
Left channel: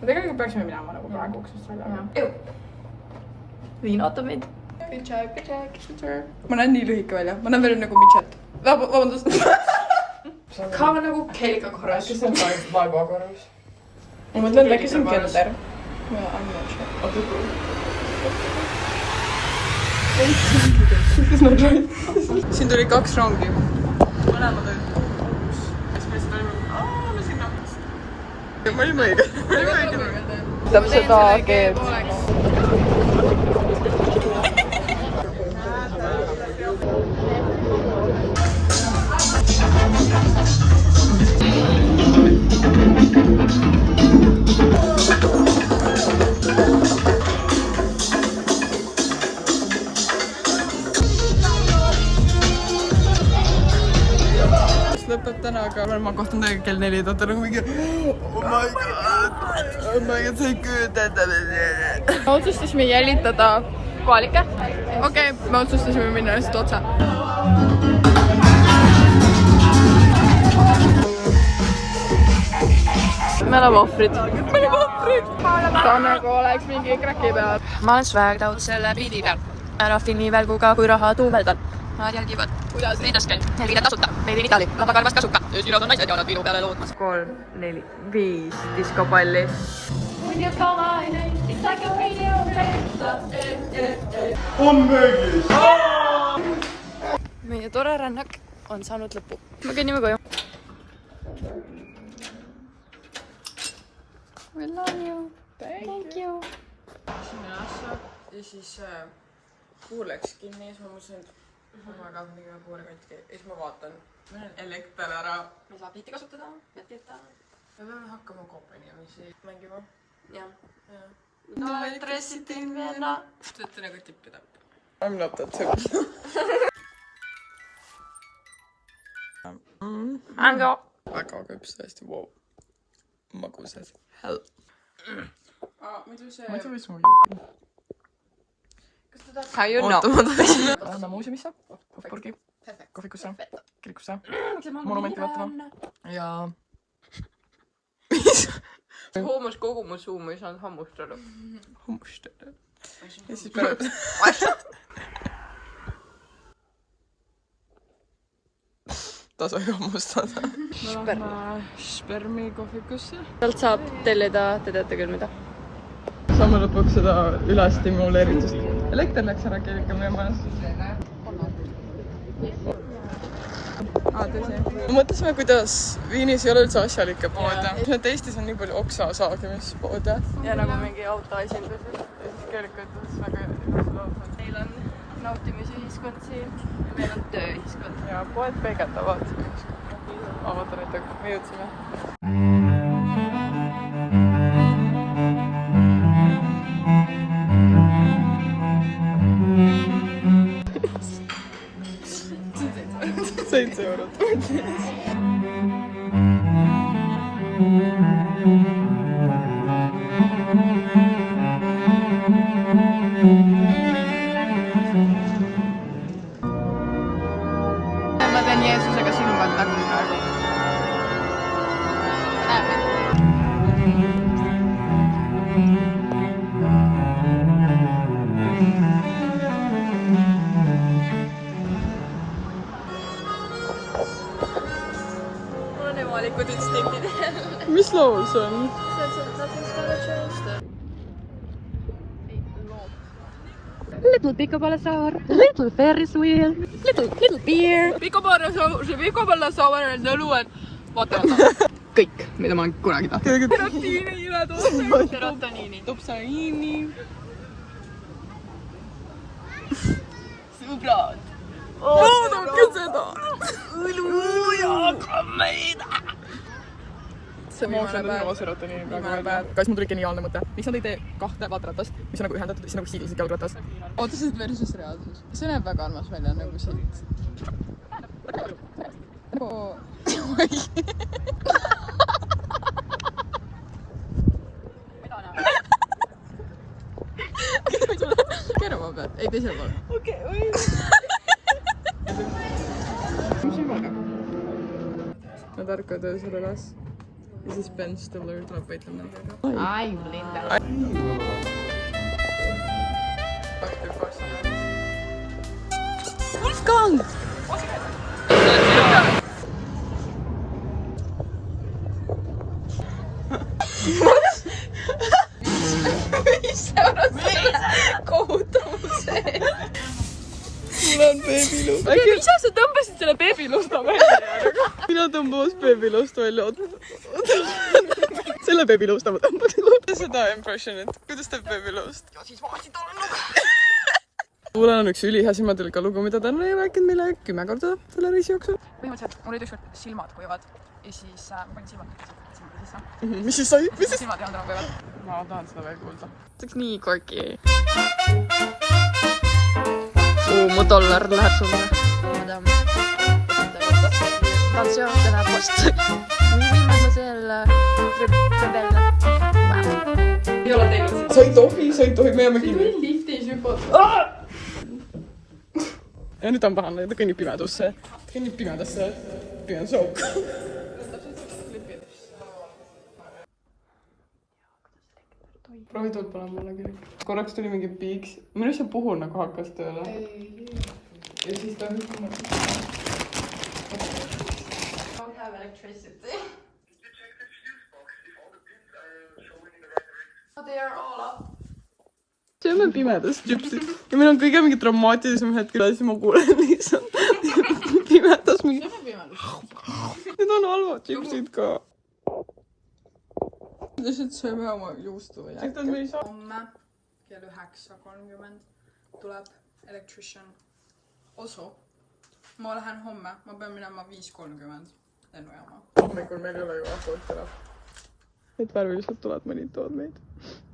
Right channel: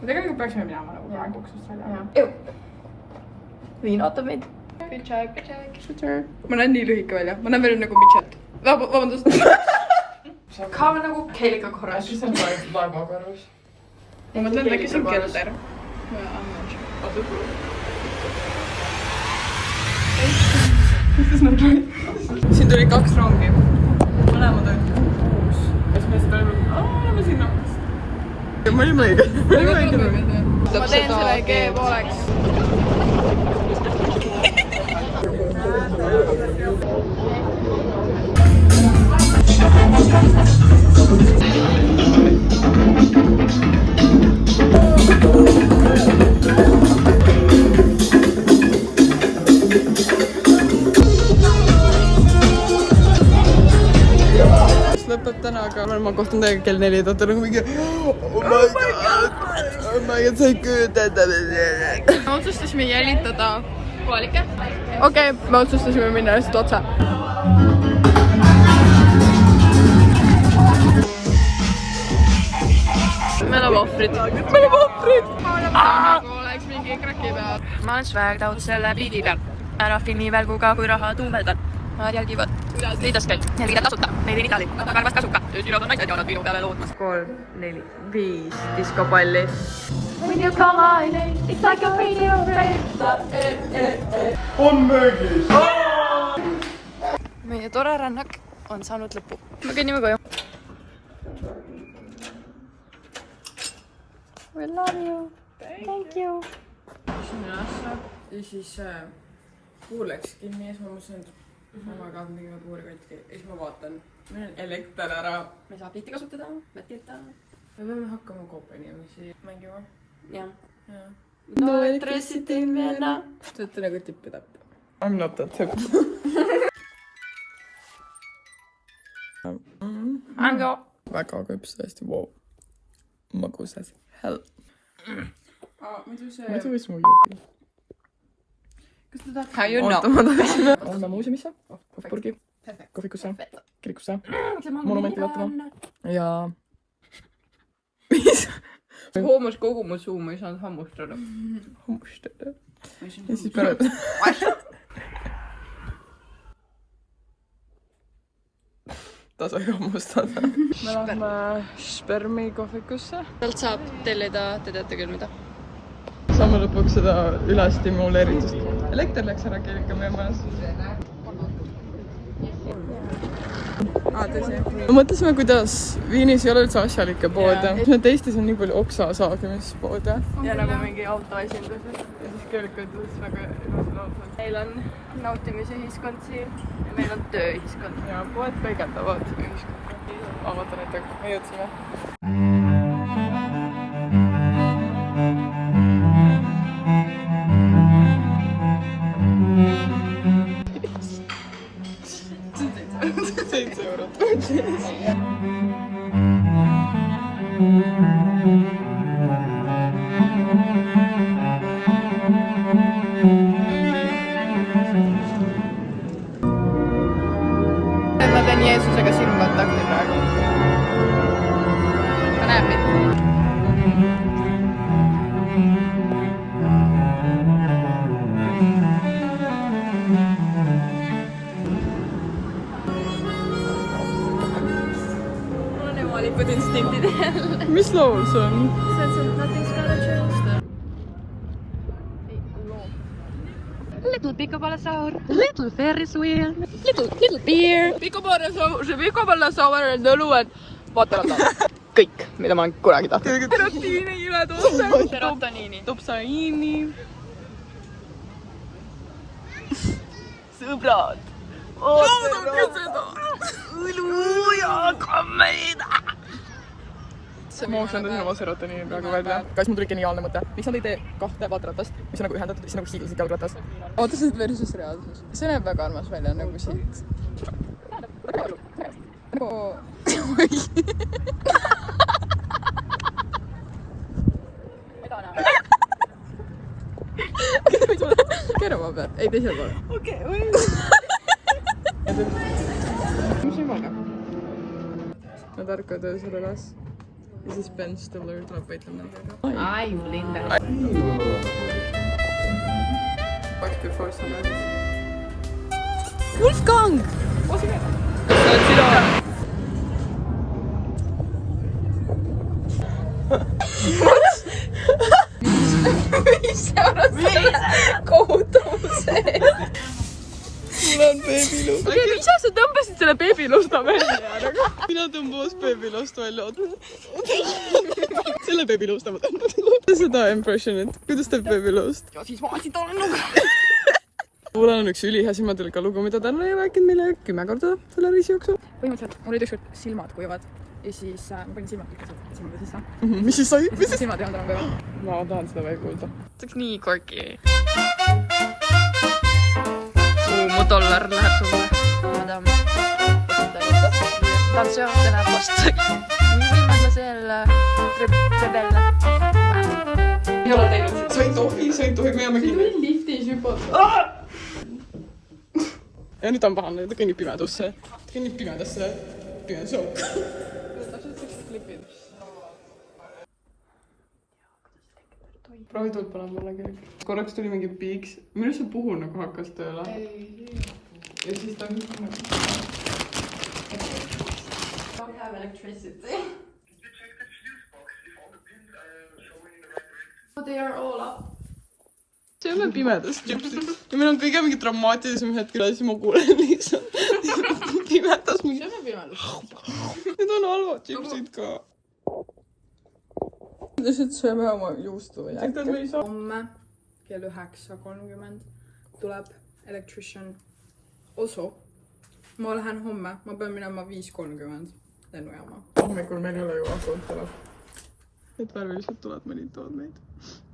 Ja tegelikult peaksime minema nagu praegu uksest välja. Viin ootab meid. Good job. Ma näen nii lühike välja. Ma näen veel nagu Mitchet. Vabandust. Ka nagu Keelika korras. Kes on vaeva korras? Ma mõtlen, äkki see on kelder. Siin tuli 2 rongi. Mõlemad olid 6. Ja siis me seda olime sinna. Ma olin õige. Ütleb seda keelt. lõpeb täna, aga ma kohtun teiega kell 4, ta on nagu mingi oh my god, sa ei kujuta ette. Me otsustasime jälitada kohalikke. Okei, me otsustasime minna lihtsalt otse. Me oleme ohvrid. Ta nagu oleks mingi kraki peal. Ma olen Swagdown selle biidi peal. Ära filmi välguga, kui raha tuubeldab. Nad jälgivad liidas käid. Jälgida tasuta. Made in Italy. Aga karvast kasuka. Öösirad on naised ja nad minu peale loodmas. 3, 4, 5 diskopalli. Meie tore rännak on saanud lõpu. Me kõnnime koju. We love you. Thank you. Ja siis puu läks kinni ja siis ma mõtlesin, et ma ka midagi veel puurikotti ja siis ma vaatan, meil on elekter ära. Me ei saa pilti kasutada, mätkita. Me peame hakkama koopainimesi mängima. Jah. No electricity in Vienna. Te olete nagu tippi-tapp. I m not that simple. Väga küps tõesti, wow. Magusas. Hell. Ma ei tea, mis mu jupi. Oota, ma tahaksin. Lähme muuseumisse, Hofburgi, kohvikusse, kirikusse, monumenti vaatama. Ja... Hoomas kogu mu suu, ma ei saanud hammustada. Hammustada. Ja siis pärast... Ta sai hammustada. Me lähme spermi kohvikusse. Sealt saab tellida, te teate küll mida. saame lõpuks seda ülestimuleeritust. Elekter läks ära kellega meie majas. Me mõtlesime, kuidas Viinis ei ole üldse asjalikke poode. Eestis on nii palju oksasaagimispoode. Ja nagu mingi autoesindus. Ja siis kellega ütles väga Meil on nautimisühiskond siin ja meil on tööühiskond. poed peegeldavad ühiskonda. Ma vaatan ette, me jõudsime. €7. Ma teen Jeesusega silmatakti praegu. Ta näeb mind. Mis laul see on? Little piccoballosaur, little Ferris wheel, little beer. Piccoballosaur and the luan. Vaata. Kõik, mida ma olen kunagi tahtnud. Serotoniini. Tupsaiini. Sõbrad. Oodake seda! See on viimane päev. Kas mul tuli geniaalne mõte? Miks nad ei tee 2 vaatratast, mis on nagu ühendatud, siis nagu hiiglaslik jalgratas? Oota, see on versus reaalsus. See näeb väga armas välja nagu siit. Nagu... Keera ma pead. Ei, teisel poole. Okei, või... Nad ärkavad öösel üles. Ja siis Ben Stiller tuleb võitlema nendega. Ai, Linda. Wolfgang! Osi teeme. See oled sina või? Kohutavuse. Mul on beebiluust. Mis sa tõmbasid selle beebiluusta välja? Mina tõmbas beebiluust välja. Selle beebiluusta ma tõmbasin. Seda impressionit. Kuidas teeb beebiluust? Ja siis vaatsid talle lugu. Mul on üks ülihea silmadega lugu, mida ta on rääkinud meile 10 korda selle reisi jooksul. Põhimõtteliselt mul olid ükskord silmad kuivad ja siis ma panin silmad sisse. Mis siis sai? Ja siis mu silmad ei olnud enam kuivad. Ma tahan seda veel kuulda. See oleks nii quirky. Mu dollar läheb sulle. Tanssijoon läheb vastu. Viimane selle rebelle. Sa ei tohi, me jääme kinni. Ja nüüd on pahane, ta kõnnib pimedusse. Ta kõnnib pimedasse. Pimeduse auku. Proovi tuld palun mulle küll. Korraks tuli mingi piiks. Minu see puhul nagu hakkas tööle. Ja siis ta hüppab. See on pimedas tšipsid. Ja meil on kõige mingi dramaatilisem hetkel, siis ma kuulen lihtsalt pimedas mingi... Need on halvad tšipsid ka. Lihtsalt sööme oma juustu või äkki. Homme kell 9:30 tuleb electrician Oso. Ma lähen homme, ma pean minema 5:30 lennujaama. Hommikul meil ei ole ju ahvotele. Need värvilised tuled mõnitavad meid.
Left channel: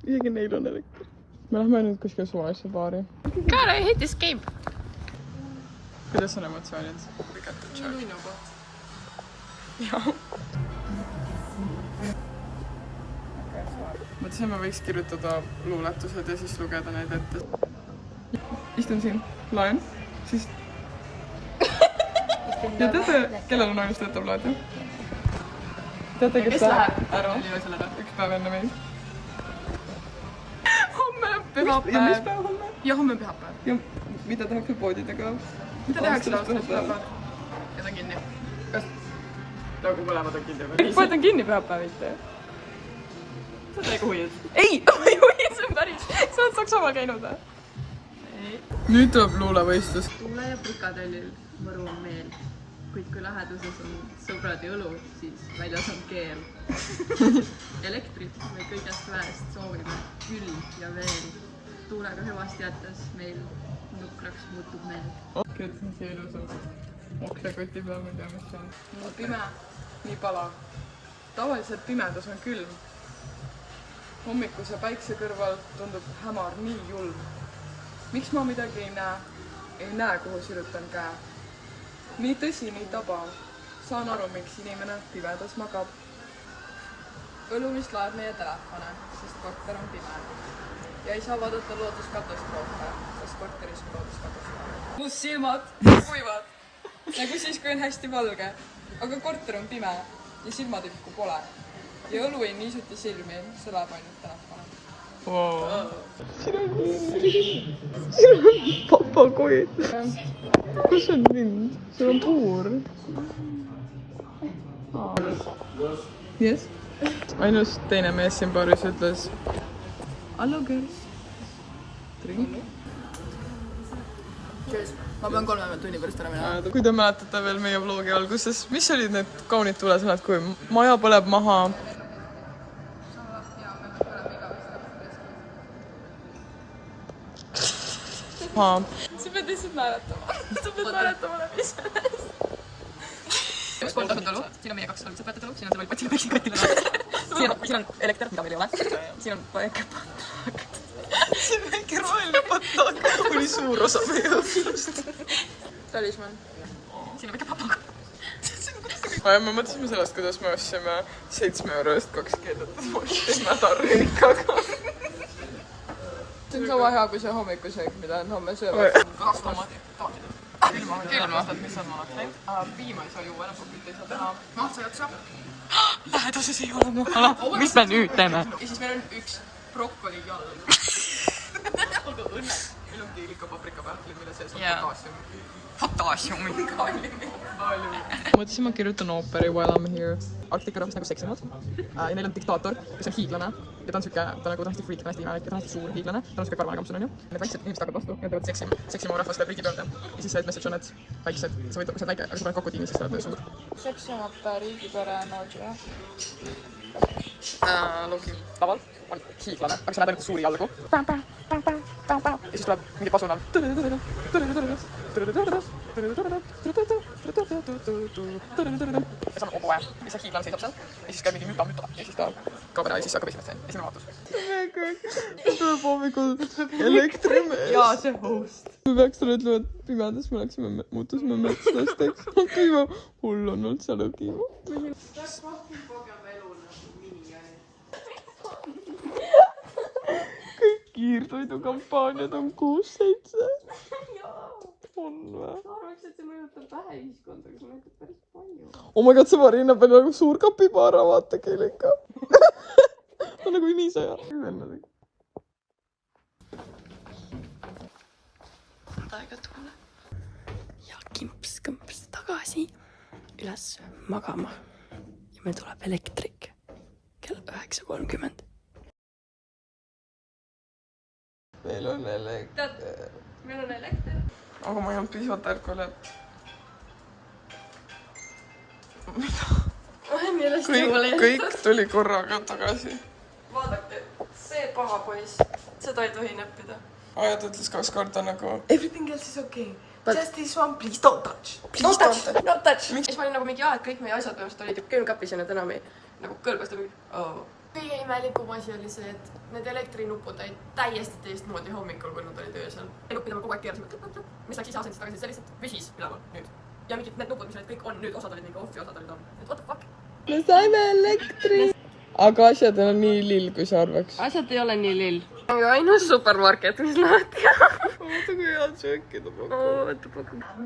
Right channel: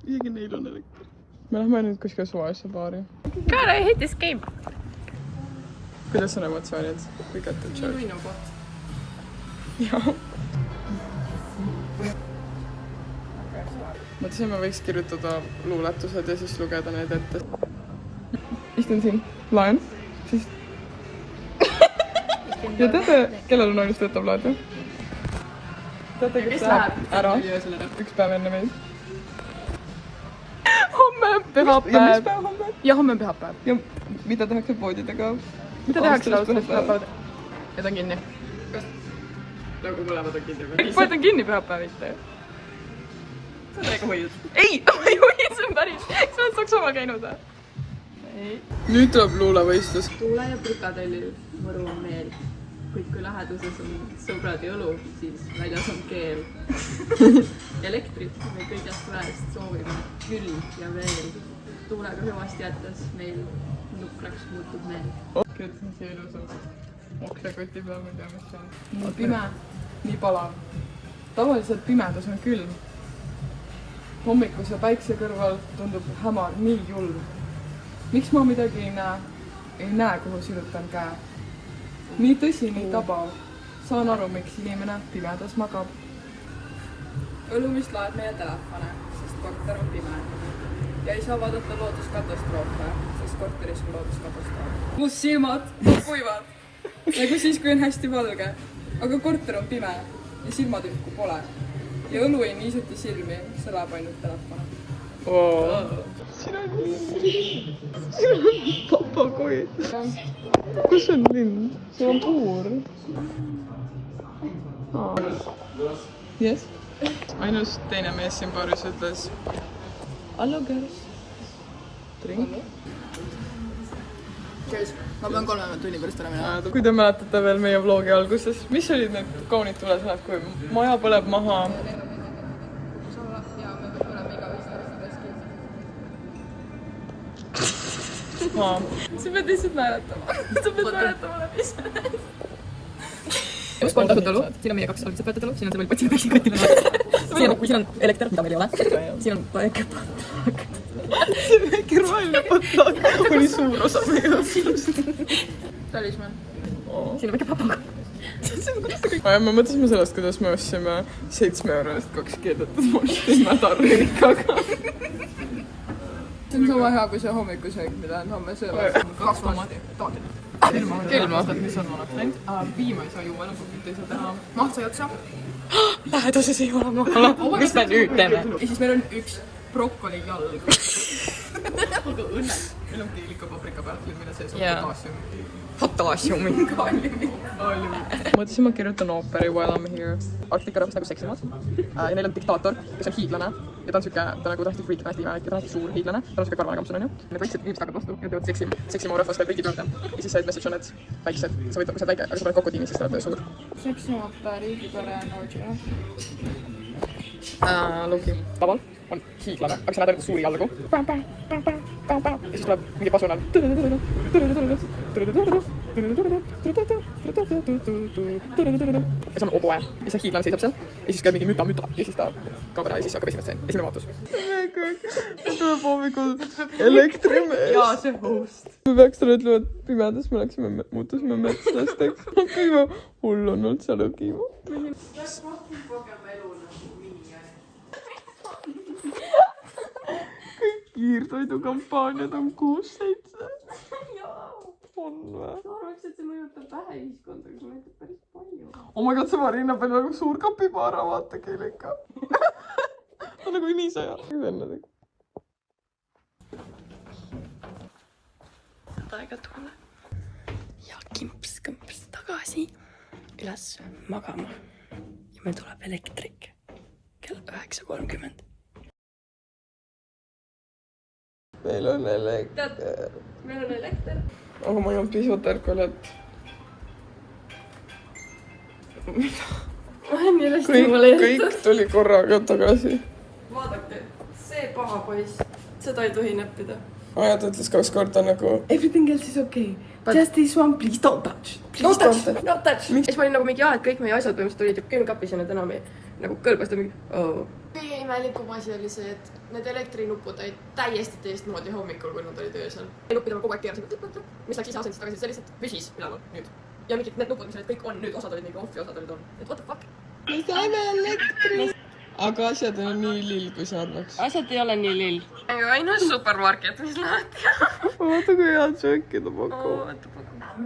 Isegi neil on elekter. Me lähme nüüd kuskil suvalisse baari. God, I hate this game. Kuidas on emotsioonid? We got the joke. Minu koht. Jah. Mõtlesin, ma võiks kirjutada luuletused ja siis lugeda neid ette. Istun siin, laen, siis... Ja teate, kellel on ainult töötav laad, jah? Teate, kes läheb ära? Üks päev enne meid. Homme on pühapäev. Ja mis päev homme? Ja homme on pühapäev. Ja mida tehakse poodidega? Mida tehakse lausest pühapäev? Ja ta on kinni. Nagu mõlemad on kinni või? Kõik poed on kinni pühapäeviti. Sa oled väga huiud. Ei, ma ei huiud, see on päris. Sa oled Saksamaal käinud või? nüüd tuleb luulevõistlus. Tuule ja prikadellil mõru on meel. Kuid kui läheduses on sõbrad jõlu, siis väljas on keel. Elektrit me kõigest väest soovime küll ja veel. Tuulega hüvasti jättes meil nukraks muutub meel. Kirjutasin siia ilusalt. Oksekoti peal, ma ei tea, mis see on. Nii pime, nii palav. Tavaliselt pimedus on külm. Hommikuse päikse kõrval tundub hämar nii julm. Miks ma midagi ei näe, kuhu sirutan käe. Nii tõsi, nii tabav. Saan aru, miks inimene pimedas magab. Õlumist laeb meie telefone, sest korter on pime. Ja ei saa vaadata looduskatastroofe, sest korteris on looduskatastroof. Must silmad kuivad, nagu siis, kui on hästi valge. Aga korter on pime ja silmatükku pole. Ja õlu ei niisuti silmi, see läheb ainult telefone. Siin on papagoi. Kus on lind? See on puur. Yes. Ainus teine mees siin baaris ütles Hello girls. Drink. Ma pean 3 tunni pärast ära minema. Kui te mäletate veel meie vlogi alguses, mis olid need kaunid tulesõnad, kui maja põleb maha? Sa pead lihtsalt määratama. Sa pead määratama ise. Üks 3 tasuta õlu, siin on meie 2 algselt võetud õlu, siin on see võlpott, siin on päiksekotil. Siin on elekter, mida meil ei ole. Siin on väike patlaak. See väike roheline patlaak oli suur osa meie õhtust. Talisman. Siin on väike papaga. Me mõtlesime sellest, kuidas me ostsime 7 euro eest 2 keedetud mosti mädarrinkaga. See on sama hea kui see hommikusöök, mida on homme sööma. 2 formaati. Külma. Mis on vanaks läinud? Piima ei saa juua, enam kokit ei saa teha. Maht sai otsa. Läheduses ei ole maha. Mis me nüüd teeme? Ja siis meil on üks brokkoli jalg. Meil on keelika paprika pähklid, mille sees on potassiumi. Mõtlesin, ma kirjutan ooperi While I'm Here. Arktika rahvast nagu seksimad. Ja neil on diktaator, kes on hiidlane. Ja ta on siuke, ta nagu hästi freak, ta on hästi suur hiidlane. Ta on siuke karvane kampsun, on ju. Need väiksed inimesed hakkavad vastu ja teevad seksimaa rahvast ja briti peale. Ja siis see message on, et väiksed, sa võid väike, aga sa paned kokku tiimi, siis ta on suur. Seksimata riigipere emoji, jah? Luki. Laval on hiiglane, aga sa näed ainult suuri jalgu. Ja siis tuleb mingi pasunal. Ja see on oboe. Ja see hiiglane seisab seal. Ja siis käib mingi müta. Ja siis ta kaob ära ja siis hakkab esimest seen. Esimene vaatus. Ja tuleb hommikul elektrimees. Jaa, see host. Me peaks talle ütlema, et pimedas me läksime, muutusime metslasteks. Kõige hull on olnud seal õgimu. Kiirtoidukampaaniad on 6-7. On või? Ma arvaks, et see mõjutab vähe ühiskonda, aga see mõjutab päris palju. Oh my god, see Marina peal nagu suur kapibaara, vaata keelika. Ta nagu niisaja. Aega tulla. Ja kimps tagasi üles magama. Ja meil tuleb elektrik kell 9:30. Meil on elekter. Meil on elekter. Aga ma olen pisut ärkvel, et... Kõik tuli korraga tagasi. Vaadake, see paha poiss, seda ei tohi näppida. Aja ta ütles 2 korda nagu... Everything else is okay. Just this one, please don't touch. Don't touch. Siis ma olin nagu mingi, et kõik meie asjad põhimõtteliselt olid külmkapis ja need enam ei nagu kõlbast mingi... Kõige imelikum asi oli see, et need elektrinupud olid täiesti teistmoodi hommikul, kui nad olid öösel. Nuppidel kogu aeg keerasime, mis läks ise asendist tagasi, see lihtsalt püsis üleval nüüd. Ja mingid need nupud, mis olid kõik on, nüüd osad olid mingi off'i, osad olid on. Et what the fuck? Me saime elektri! Aga asjad on nii lill, kui sa arvaks. Asjad ei ole nii lill. Ainus supermarket, mis lahti on. Vaata, kui head sööki ta pakub.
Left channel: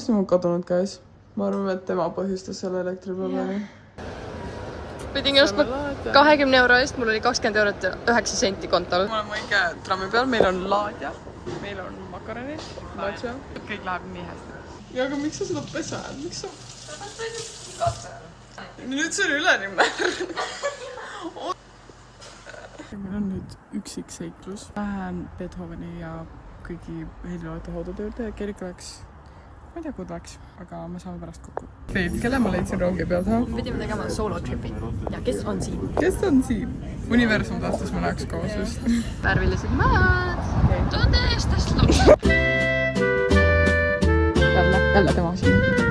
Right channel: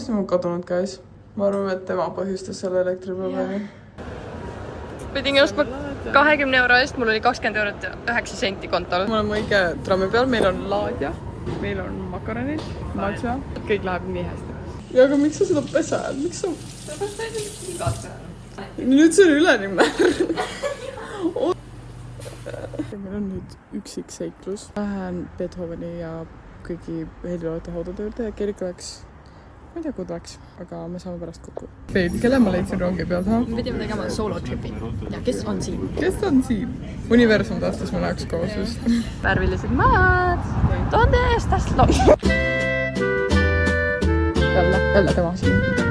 See on kadunud käes. Ma arvan, et tema põhjustas selle elektriprobleemi. Pidin ostma 20 euro eest, mul oli 20 eurot ja 9 senti kontol. Me oleme õige trammi peal, meil on laadja, meil on makaronid, matša. Kõik läheb nii hästi. Ja aga miks sa seda pesed? Miks sa... Nüüd see on üleni märg. meil on nüüd üksik seiklus. Lähen Beethoveni ja kõigi heliloote haudade juurde ja Kerika läks, ma ei tea, kuhu ta läks, aga me saame pärast kokku. Veidi, kelle ma leidsin rongi pealt, ha? Pidime tegema solo-tripi. Ja kes on siin? Kes on siin? Universum tahtis me läheks koos just. Värvilised maad. Donde estas los? Jälle tema siin.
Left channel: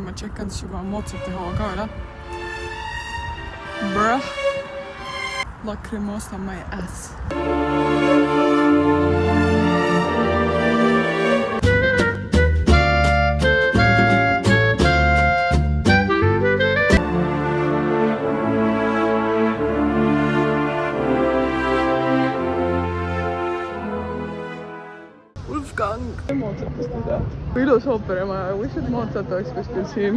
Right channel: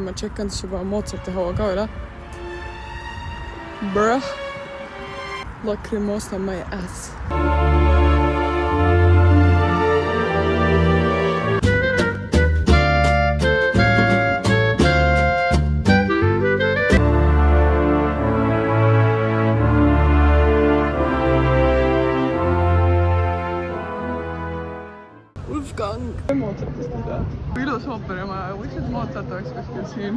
Ma tšekkan siis juba Mozarti hoo ka üle. Bruh. Lacrimosa my ass. Wolfgang. Mozartist ei tea. Ilus ooper ja ma wish, et Mozart oleks kuskil siin.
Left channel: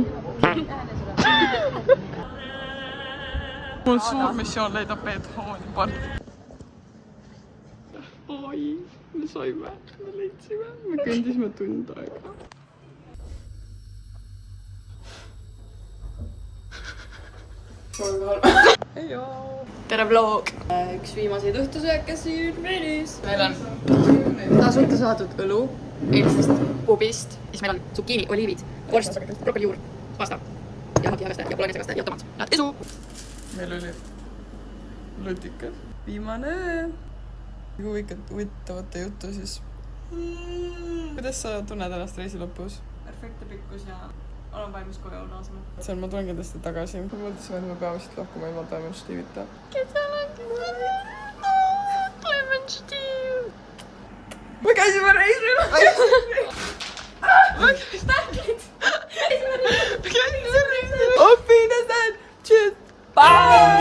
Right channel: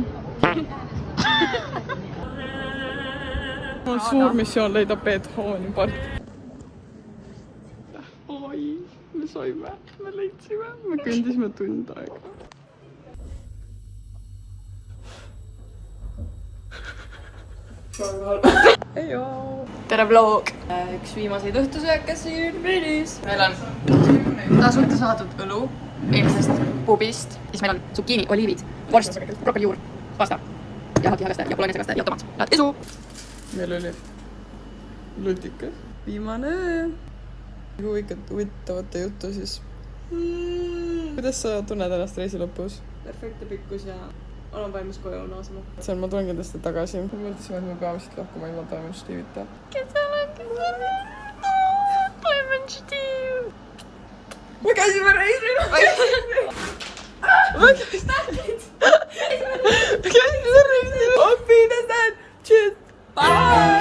Mul suur missioon leida Beethoveni part. Oi, me saime, me leidsime, me kõndisime tund aega. Tere vlog! Üks viimaseid õhtusööke siin Brünis. Meil on tasuta saadud õlu eelmisest pubist. Siis meil on zucchini, oliivid, vorst, brokolijuur, pasta ja hakihägaste ja polongesekast ja tomat. Head esu! Meil oli lõtikas. Viimane öö. Huvitavate juttu siis. Kuidas sa tunned ennast reisi lõpus? Perfektne pikkus ja olen valmis koju naasema. See on, ma tulen kindlasti tagasi. Me mõtlesime, et me peame siit lahkuma ilma Diamond Steve'ita. Diamond Steve! Me käisime reisil! Me käisime reisil! Auf Wiedersehen! Tschüss! Bye!